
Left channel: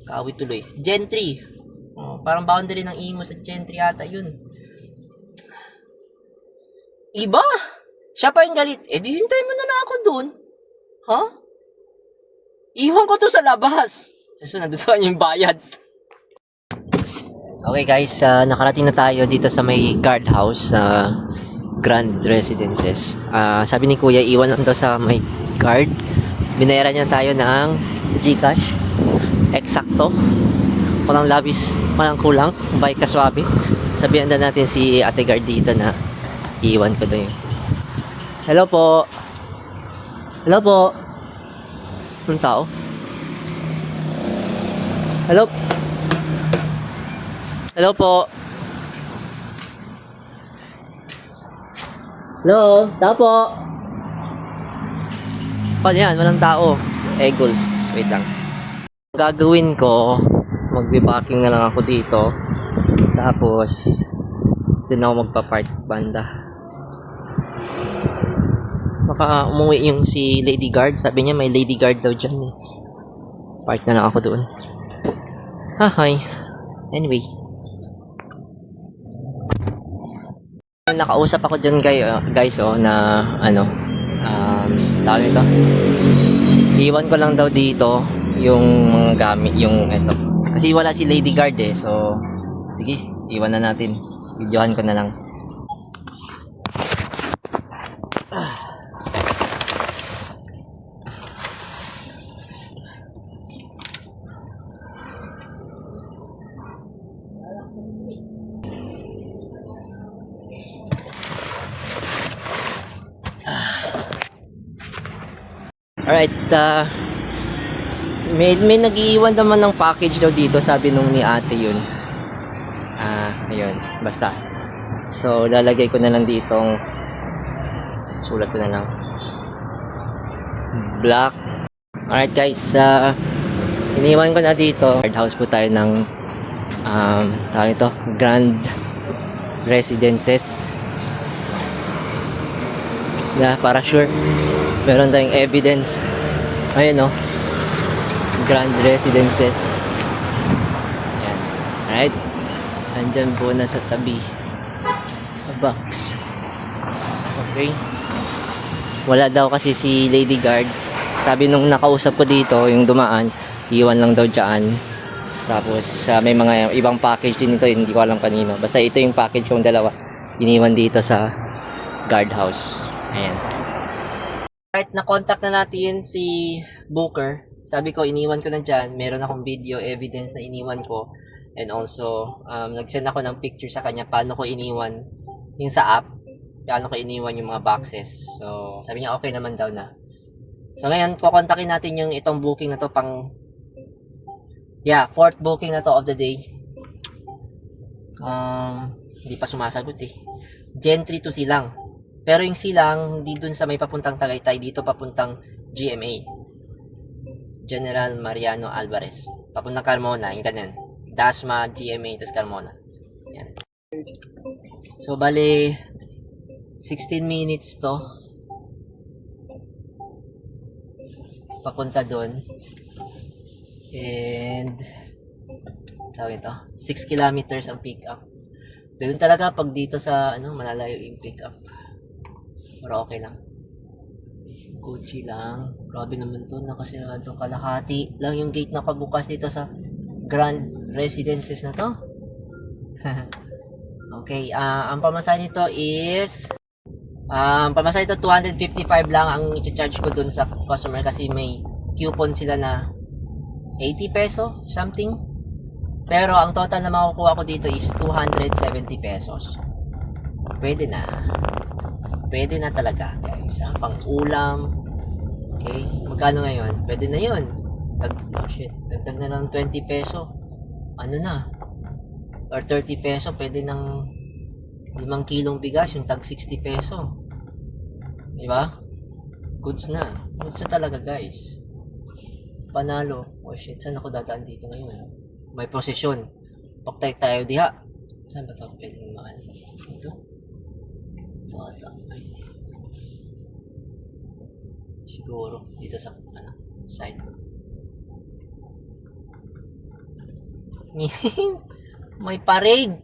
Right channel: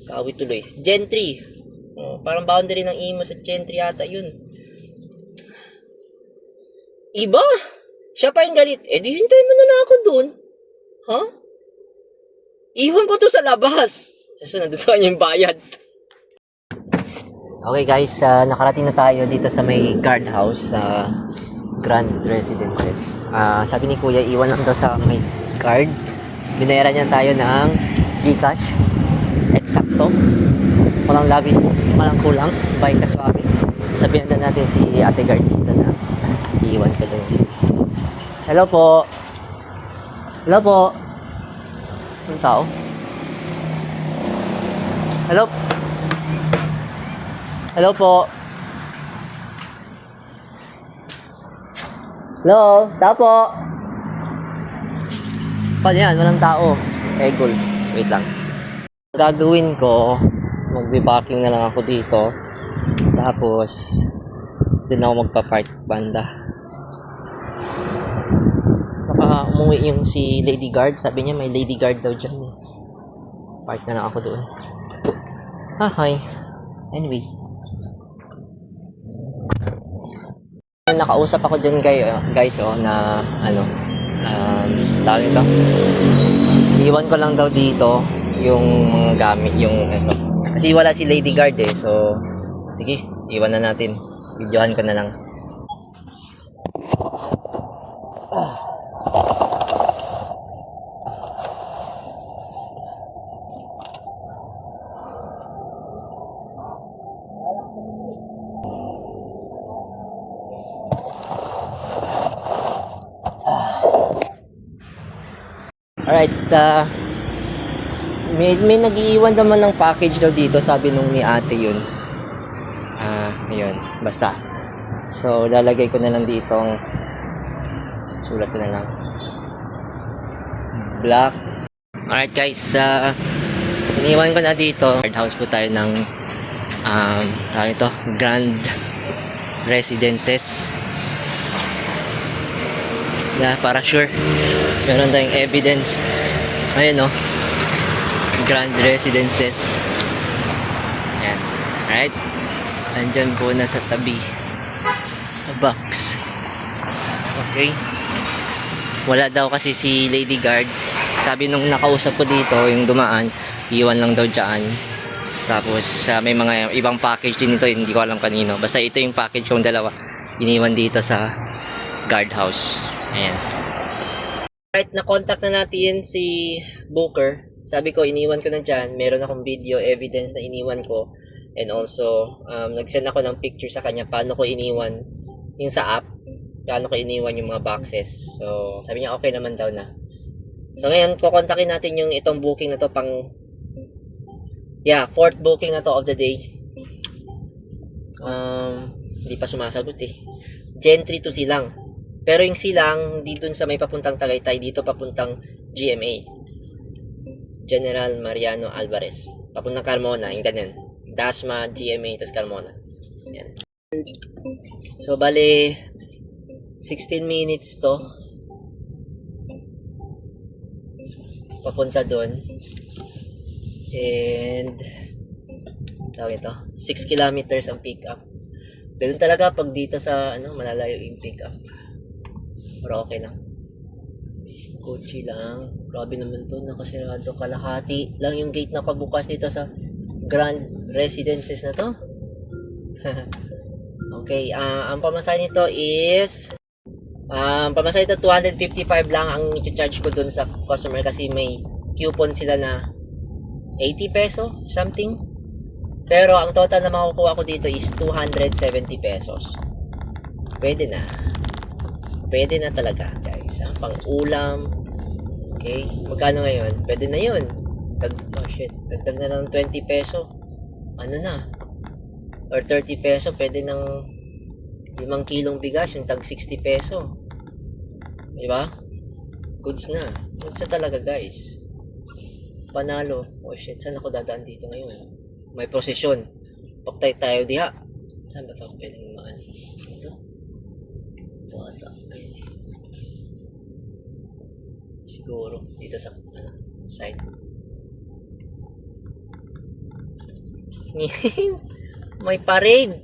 Kawit tuloy. Gentry. Parang boundary ng Imus at Gentry ata yun. Iba? Siya pa yung galit. Di hintay mo na lang ako doon. Ha? Iwan ko to sa labas. So, nandun sa kanya yung bayad. Okay guys, nakarating na tayo dito sa may guardhouse sa Grand Residences. Sabi ni Kuya, iwan lang to sa may guard. Binayaran niya tayo ng GCash. Eksakto. Walang labis, walang kulang. Bay kaswabe. Sabihan na natin si Ate Guard dito na iwan ko daw yun. Hello po. Hello po. Anong tao? Hello. Hello po. Hello. Tao po. Paano yan? Walang tao. Eagles. Wait lang. Gagawin ko, magbe-packing na lang ako dito. Tapos, doon ako magpa-park banda. Baka umuwi yung si Lady Guard. Sabi niya may Lady Guard daw dyan eh. Park na lang ako doon. Hi. Anyway. Nakausap ako dyan guys na tawag ito. Iwan ko lang daw dito yung mga gamit, yung ito. Kasi wala si Lady Guard eh. So, sige. Iwan na natin. Videohan ko na lang. Alright, may nag-iwan naman ng package daw dito, sabi nung ni ate yun. Ayun, basta. So, lalagay ko na lang ditong, sulat ko na lang, black. Alright guys, iniwan ko na dito. Guardhouse po tayo ng, tawag ito, Grand Residences. Yeah, para sure. Meron tayong evidence. Ayan o. Grand Residences. Ayan. Alright. Andyan po na sa tabi. Sa box. Okay. Wala daw kasi si Lady Guard. Sabi nung nakausap ko dito, yung dumaan, iwan lang daw dyan. Tapos may mga ibang package din ito, hindi ko alam kanino. Basta ito yung package yung dalawa. Iniwan dito sa guardhouse. Ayan. Right, na-contact na natin si Booker. Sabi ko, iniwan ko na dyan. Meron akong video evidence na iniwan ko. And also, nag-send ako ng picture sa kanya paano ko iniwan yung sa app. Paano ko iniwan yung mga boxes. So, sabi niya okay naman daw na. So, ngayon, kukontakin natin yung itong booking na to fourth booking na to of the day. Hindi pa sumasagot eh. Gentry to Silang. Pero yung Silang, hindi dun sa may papuntang Tagaytay, dito papuntang GMA. General Mariano Alvarez. Papuntang Carmona, yung ganyan. Dasma, GMA, tapos Carmona. Yan. So, bale, 16 minutes to. Papunta dun. And, tawag ito, 6 kilometers ang pick up. Ganun talaga pag dito sa, malalayo yung pick up. Pero okay lang. Gucci lang. Grabe naman to, nakasirado. Kalahati lang yung gate na kabukas dito sa Grand Residences na to. Okay, ang pamasahe nito is pamasahe nito 255 lang ang i-charge ko dun sa customer kasi may coupon sila na 80 peso something. Pero ang total na makukuha ko dito is 270 pesos. Pwede na. Pwede na talaga, guys. Pang ulam. Okay? Magkano ngayon? Pwede na yun. Dagdag na lang 20 peso. Ano na? Or 30 peso. Pwede ng 5 kilong bigas. Yung tag 60 peso. Diba? Goods na. Goods na talaga, guys. Panalo. Saan ako dadaan dito ngayon? May prosesyon. Paktay tayo diha. Saan ba ito? Pwedeng maan. Ito. Ito ata. Siguro. Dito sa, side. May parade.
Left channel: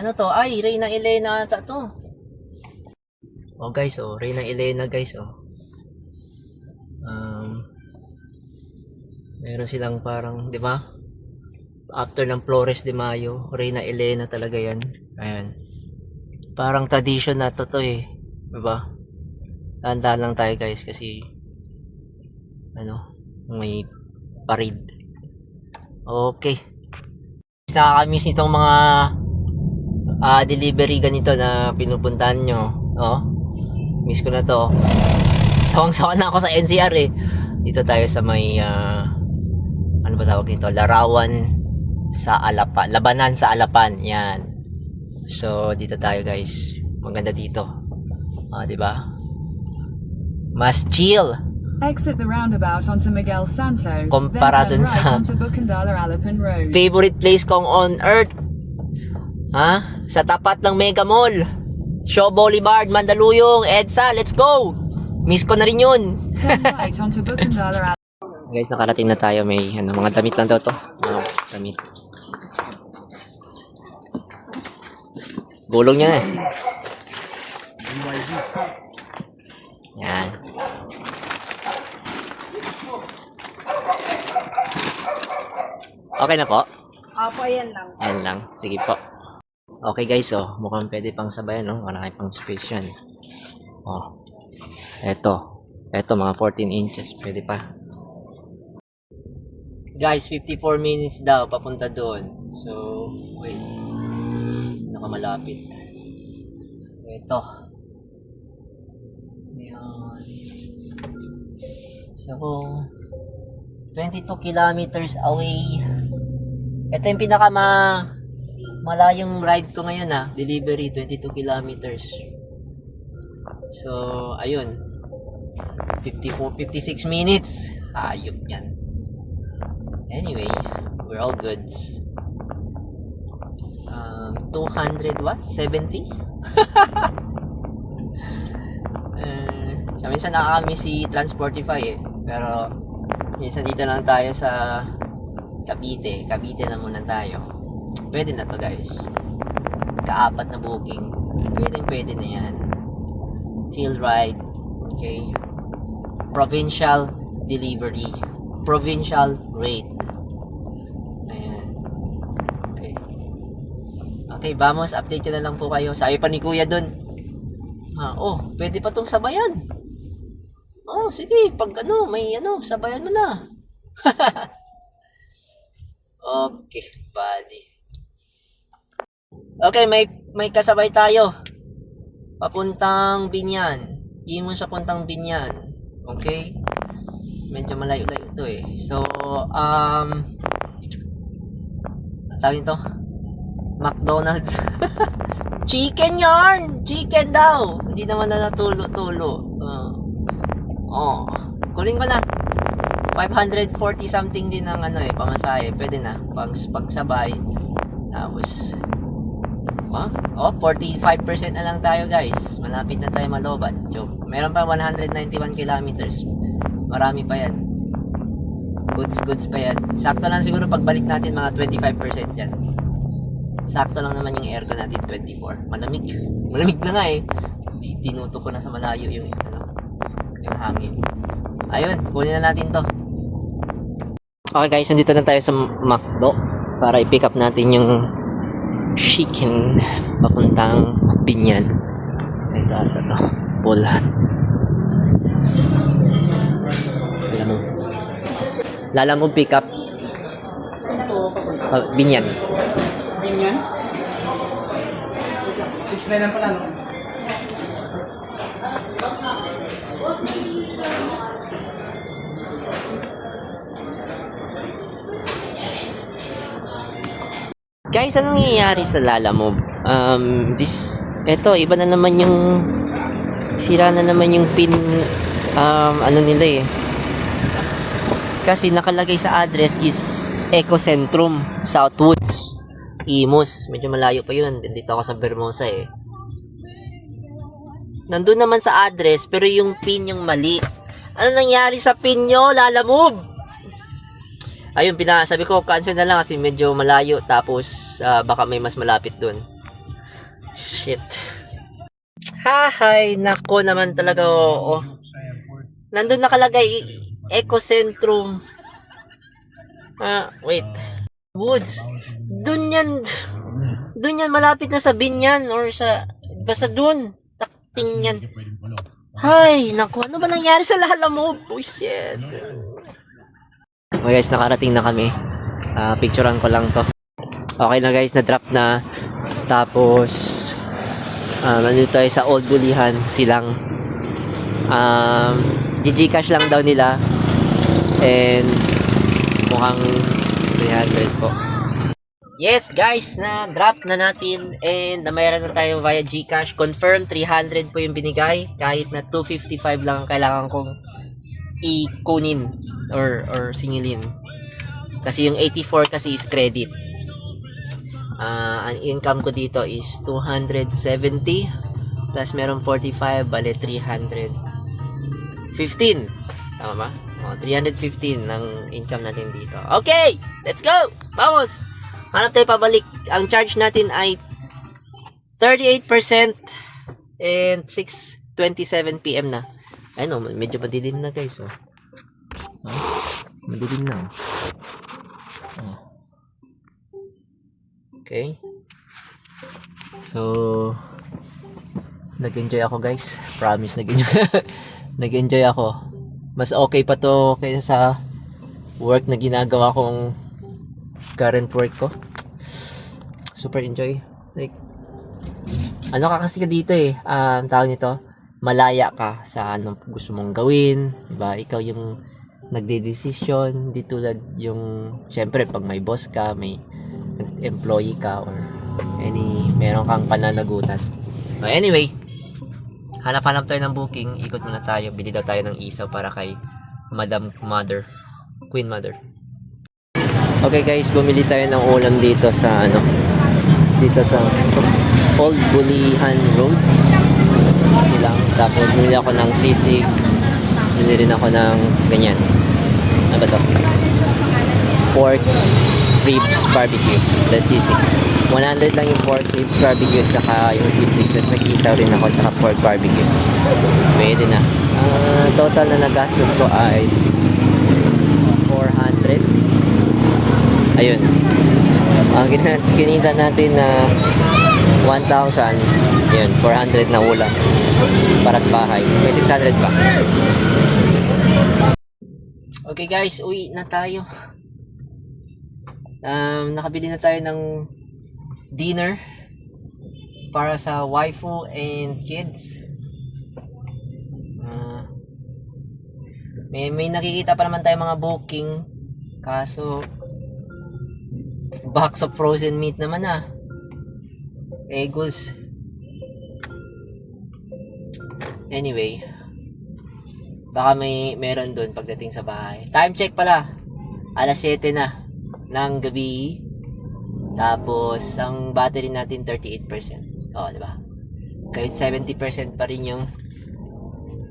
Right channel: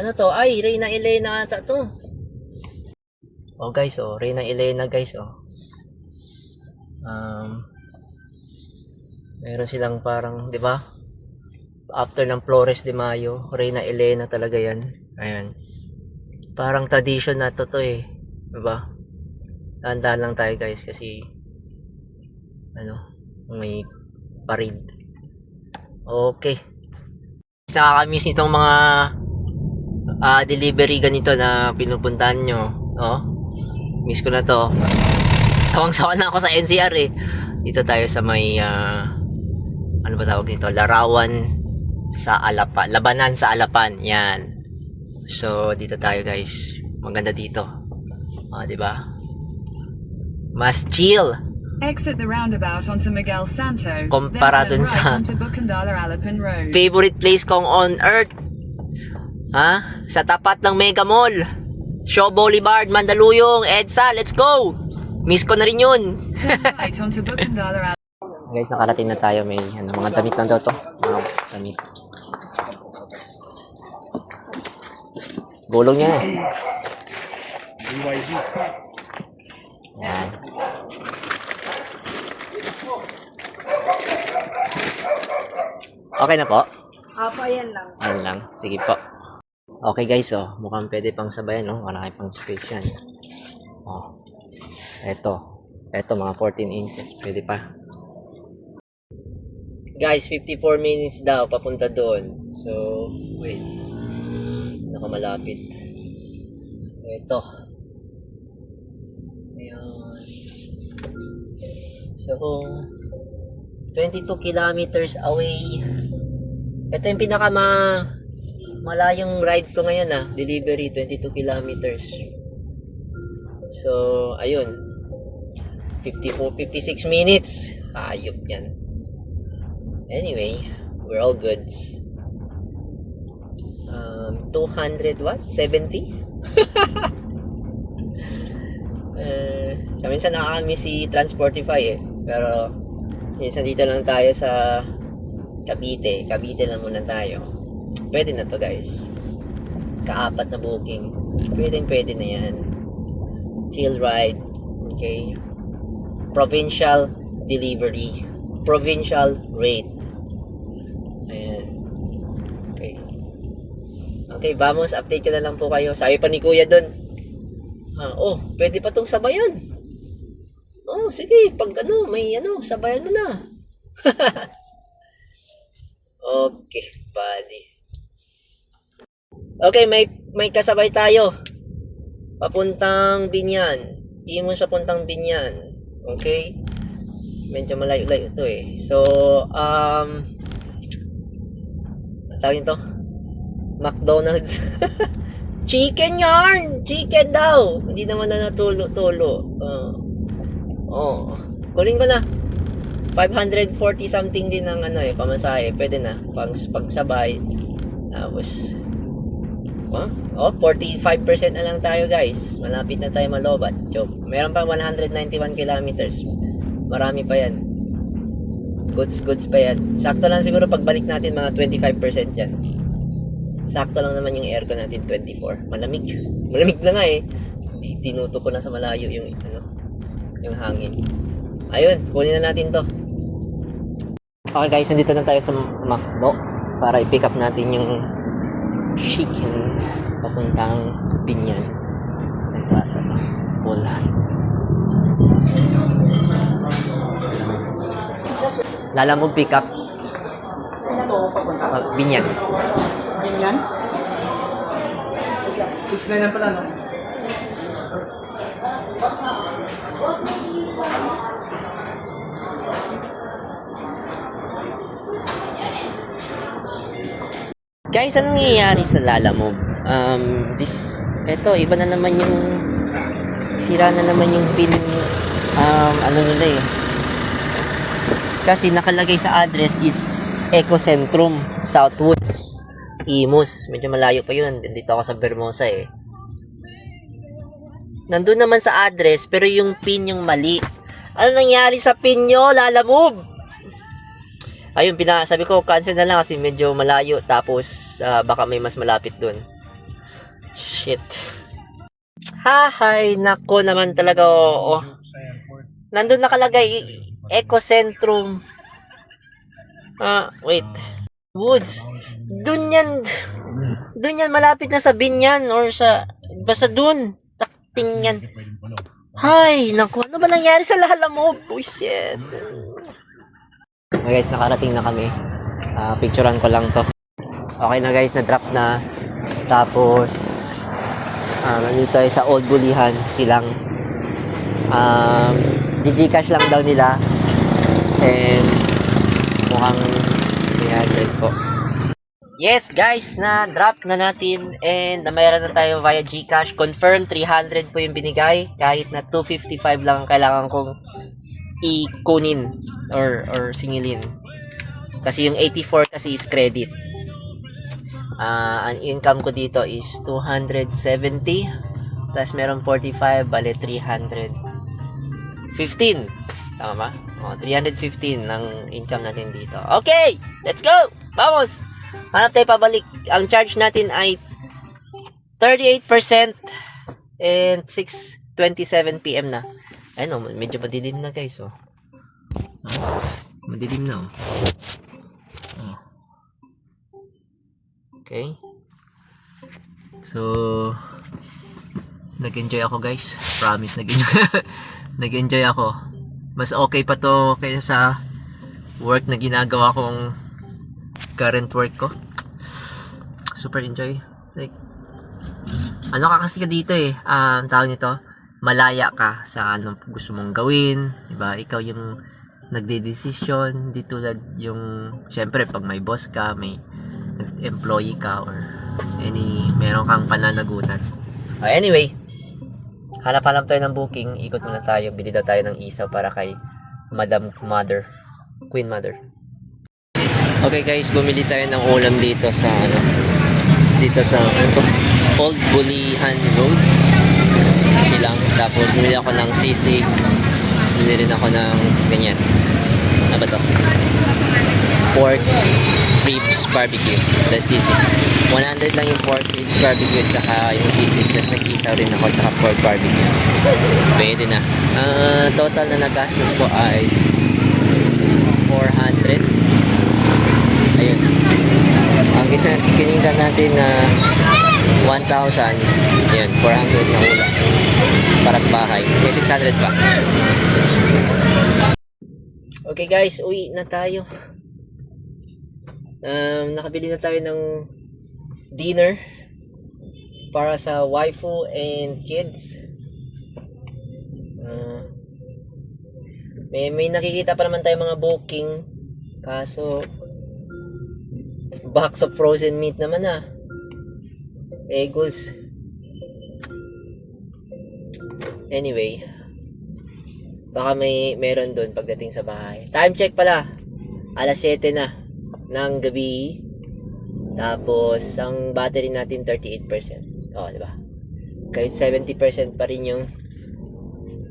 Ano to? Ay, Reyna Elena ata to. Oh guys, Reyna Elena guys, meron silang parang, di ba? After ng Flores de Mayo, Reyna Elena talaga yan. Ayan. Parang tradition na to eh. Di ba? Tandaan lang tayo guys kasi may parade. Okay. Nakakamiss nitong mga delivery ganito na pinupuntahan nyo. Miss ko na to. Sawang-sawa na ako sa NCR eh. Dito tayo sa may ano ba tawag nito? Larawan sa Alapan. Labanan sa Alapan. Yan. So, dito tayo guys. Maganda dito. Di ba? Mas chill. Exit the roundabout onto Miguel Santo. Kumpara then dun turn right sa onto Bukandala-Alapin Road. favorite place kong on earth. Sa tapat ng Mega Mall. Shaw Boulevard, Mandaluyong, EDSA, let's go! Miss ko na rin yun. Turn right onto Bukandala-Alapin. Guys, nakarating na tayo. May mga damit lang daw to. Mga damit. Gulong niya eh. Yan. Okay na po? Apo, yan lang. Ayan lang. Sige po. Okay guys, mukhang pwede pang sabayan, Wala kayo pang space yan. Eto. Eto, mga 14 inches. Pwede pa. Guys, 54 minutes daw papunta doon. So, wait. Nakamalapit. Eto. Ayan. So, 22 kilometers away. Ito yung malayong ride ko ngayon delivery 22 kilometers. So ayun 56 minutes. Ayop yan. Anyway, we're all goods. 200 what? 70? Minsan nakakami si Transportify pero minsan dito lang tayo sa Cavite na muna tayo. Pwede na to guys. Kaapat na booking. Pwede na yan. Chill ride. Okay. Provincial delivery. Provincial rate. Ayan. Okay. Okay, vamos. Update ko na lang po kayo. Sabi pa ni Kuya dun. Pwede pa tong sabayan. Sige, pag may sabayan mo na. Okay, buddy. Okay, may kasabay tayo. Papuntang Binyan. Imos sa puntang Binyan. Okay? Medyo malayo-layo to eh. So, tawag nito? McDonald's. Chicken yarn! Chicken daw! Hindi naman na natulo-tulo. Kunin ko na. 540 something din ang pamasahe. Pwede na. Pagsabay. Tapos, 45% na lang tayo guys. Malapit na tayo malobat. Joke. Meron pa 191 kilometers. Marami pa yan. Goods pa yan. Sakto lang siguro pagbalik natin mga 25% yan. Sakto lang naman yung aircon natin 24. Malamig na nga eh. Tinuto ko na sa malayo yung hangin. Ayun, kunin na natin to. Okay guys, nandito na tayo sa McDo para i-pick up natin yung chicken papuntang Binyan. Ito. Pula. Lalamove pick up. Binyan. Ganyan? 6 na yan pala, no? Guys, anong nangyayari sa Lalamove? Iba na naman yung sira na naman yung pin nila eh. Kasi nakalagay sa address is Ecocentrum, Southwoods, Imus. Medyo malayo pa yun. Dito ako sa Bermosa eh. Nandun naman sa address pero yung pin yung mali. Ano nangyari sa pin nyo, Lalamove? Ayun, sabi ko cancel na lang kasi medyo malayo. Tapos baka may mas malapit dun. Shit. Hahay, nako naman talaga. Nandun nakalagay Ecocentrum. Wait. Woods. Dun yan malapit na sa Binyan or basta dun. Takting yan. Hay, naku, ano ba nangyari sa Lalamove? Buisit. Okay guys, nakarating na kami. Picturean ko lang to. Okay na guys, na-drop na. Tapos, nandito tayo sa Old Bulihan, silang. Gcash lang daw nila. And, mukhang 300 po. Yes guys, na-drop na natin. And, mayroon na tayo via Gcash. Confirm, 300 po yung binigay. Kahit na 255 lang ang kailangan kong ikunin or singilin. Kasi yung 84 kasi is credit. Ang income ko dito is 270 plus meron 45, bale 315. Tama ba? 315 ng income natin dito. Okay, let's go! Vamos! Hanap tayo pabalik. Ang charge natin ay 38% and 6:27 PM na. Ayun, medyo madilim na guys. Madilim na. Okay. So, nag-enjoy ako guys. Promise, nag-enjoy ako. Mas okay pa to kaysa sa work na ginagawa kong current work ko. Super enjoy. Like, ano ka kasi dito eh. Tawag nito, malaya ka sa anong gusto mong gawin. Diba? Ikaw yung nagde-decision. Di tulad yung, syempre, pag may boss ka, may employee ka, or meron kang pananagutan. Anyway, hanap-hanap tayo ng booking. Ikot muna tayo. Bili daw tayo ng isaw para kay Queen Mother. Okay guys, bumili tayo ng ulam dito sa Old Bulihan Road. Silang. Tapos bumili ako ng sisig. Bumili rin ako ng ganyan. Ano ba to? Pork ribs barbecue. The sisig. 100 lang yung pork ribs barbecue at saka yung sisig. Tapos nag-isaw rin ako at saka pork barbecue. Pwede na. Total na nagastos ko ay 400. Ayun. Ang kinita natin na 1,000. Yun, 400 na ulam. Para sa bahay. May 600 pa. Okay guys, uwi na tayo. Nakabili na tayo ng dinner para sa waifu and kids. May nakikita pa naman tayo mga booking, kaso box of frozen meat naman Eggos. Anyway, baka meron doon pagdating sa bahay. Time check pala, alas 7 na ng gabi. Tapos ang battery natin 38%. Diba? Kahit 70% pa rin yung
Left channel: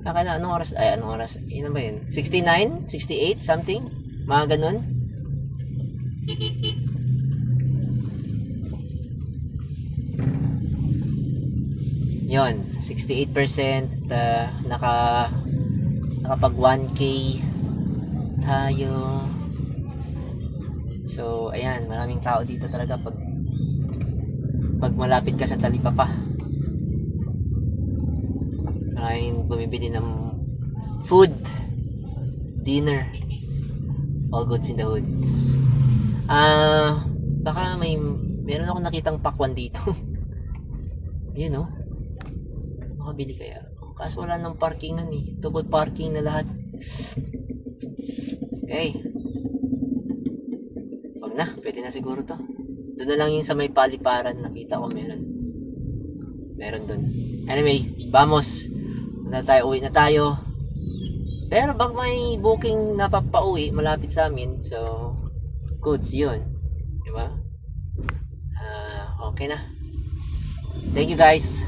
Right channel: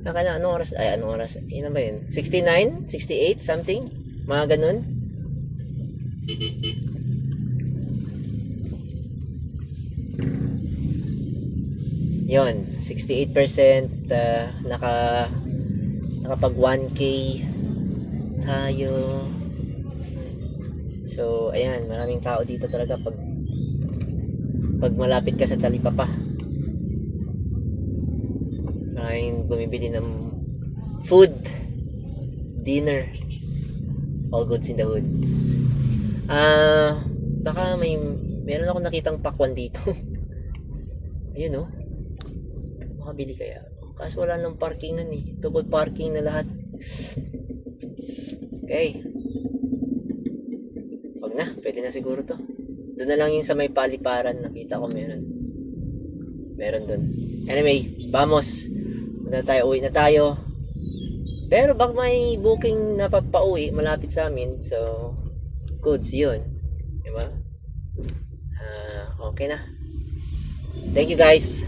anong oras? Anong oras? Ilan ba yun? 69? 68? Something? Mga ganun? Yon, 68%. Nakapag 1K tayo. So, ayan, maraming tao dito talaga pag malapit ka sa Talipapa. Maraming bumibili ng food, dinner, all goods in the woods. Baka meron ako nakitang pakwan dito. Ayun makabili kaya. Kaso wala nang parkingan double parking na lahat. Okay, wag na, pwede na siguro to. Doon na lang yung sa may paliparan, nakita ko meron doon. Anyway, vamos. Uwi na tayo. Pero baka may booking na papauwi malapit sa amin. So, goods yun. Diba? Okay na. Thank you guys.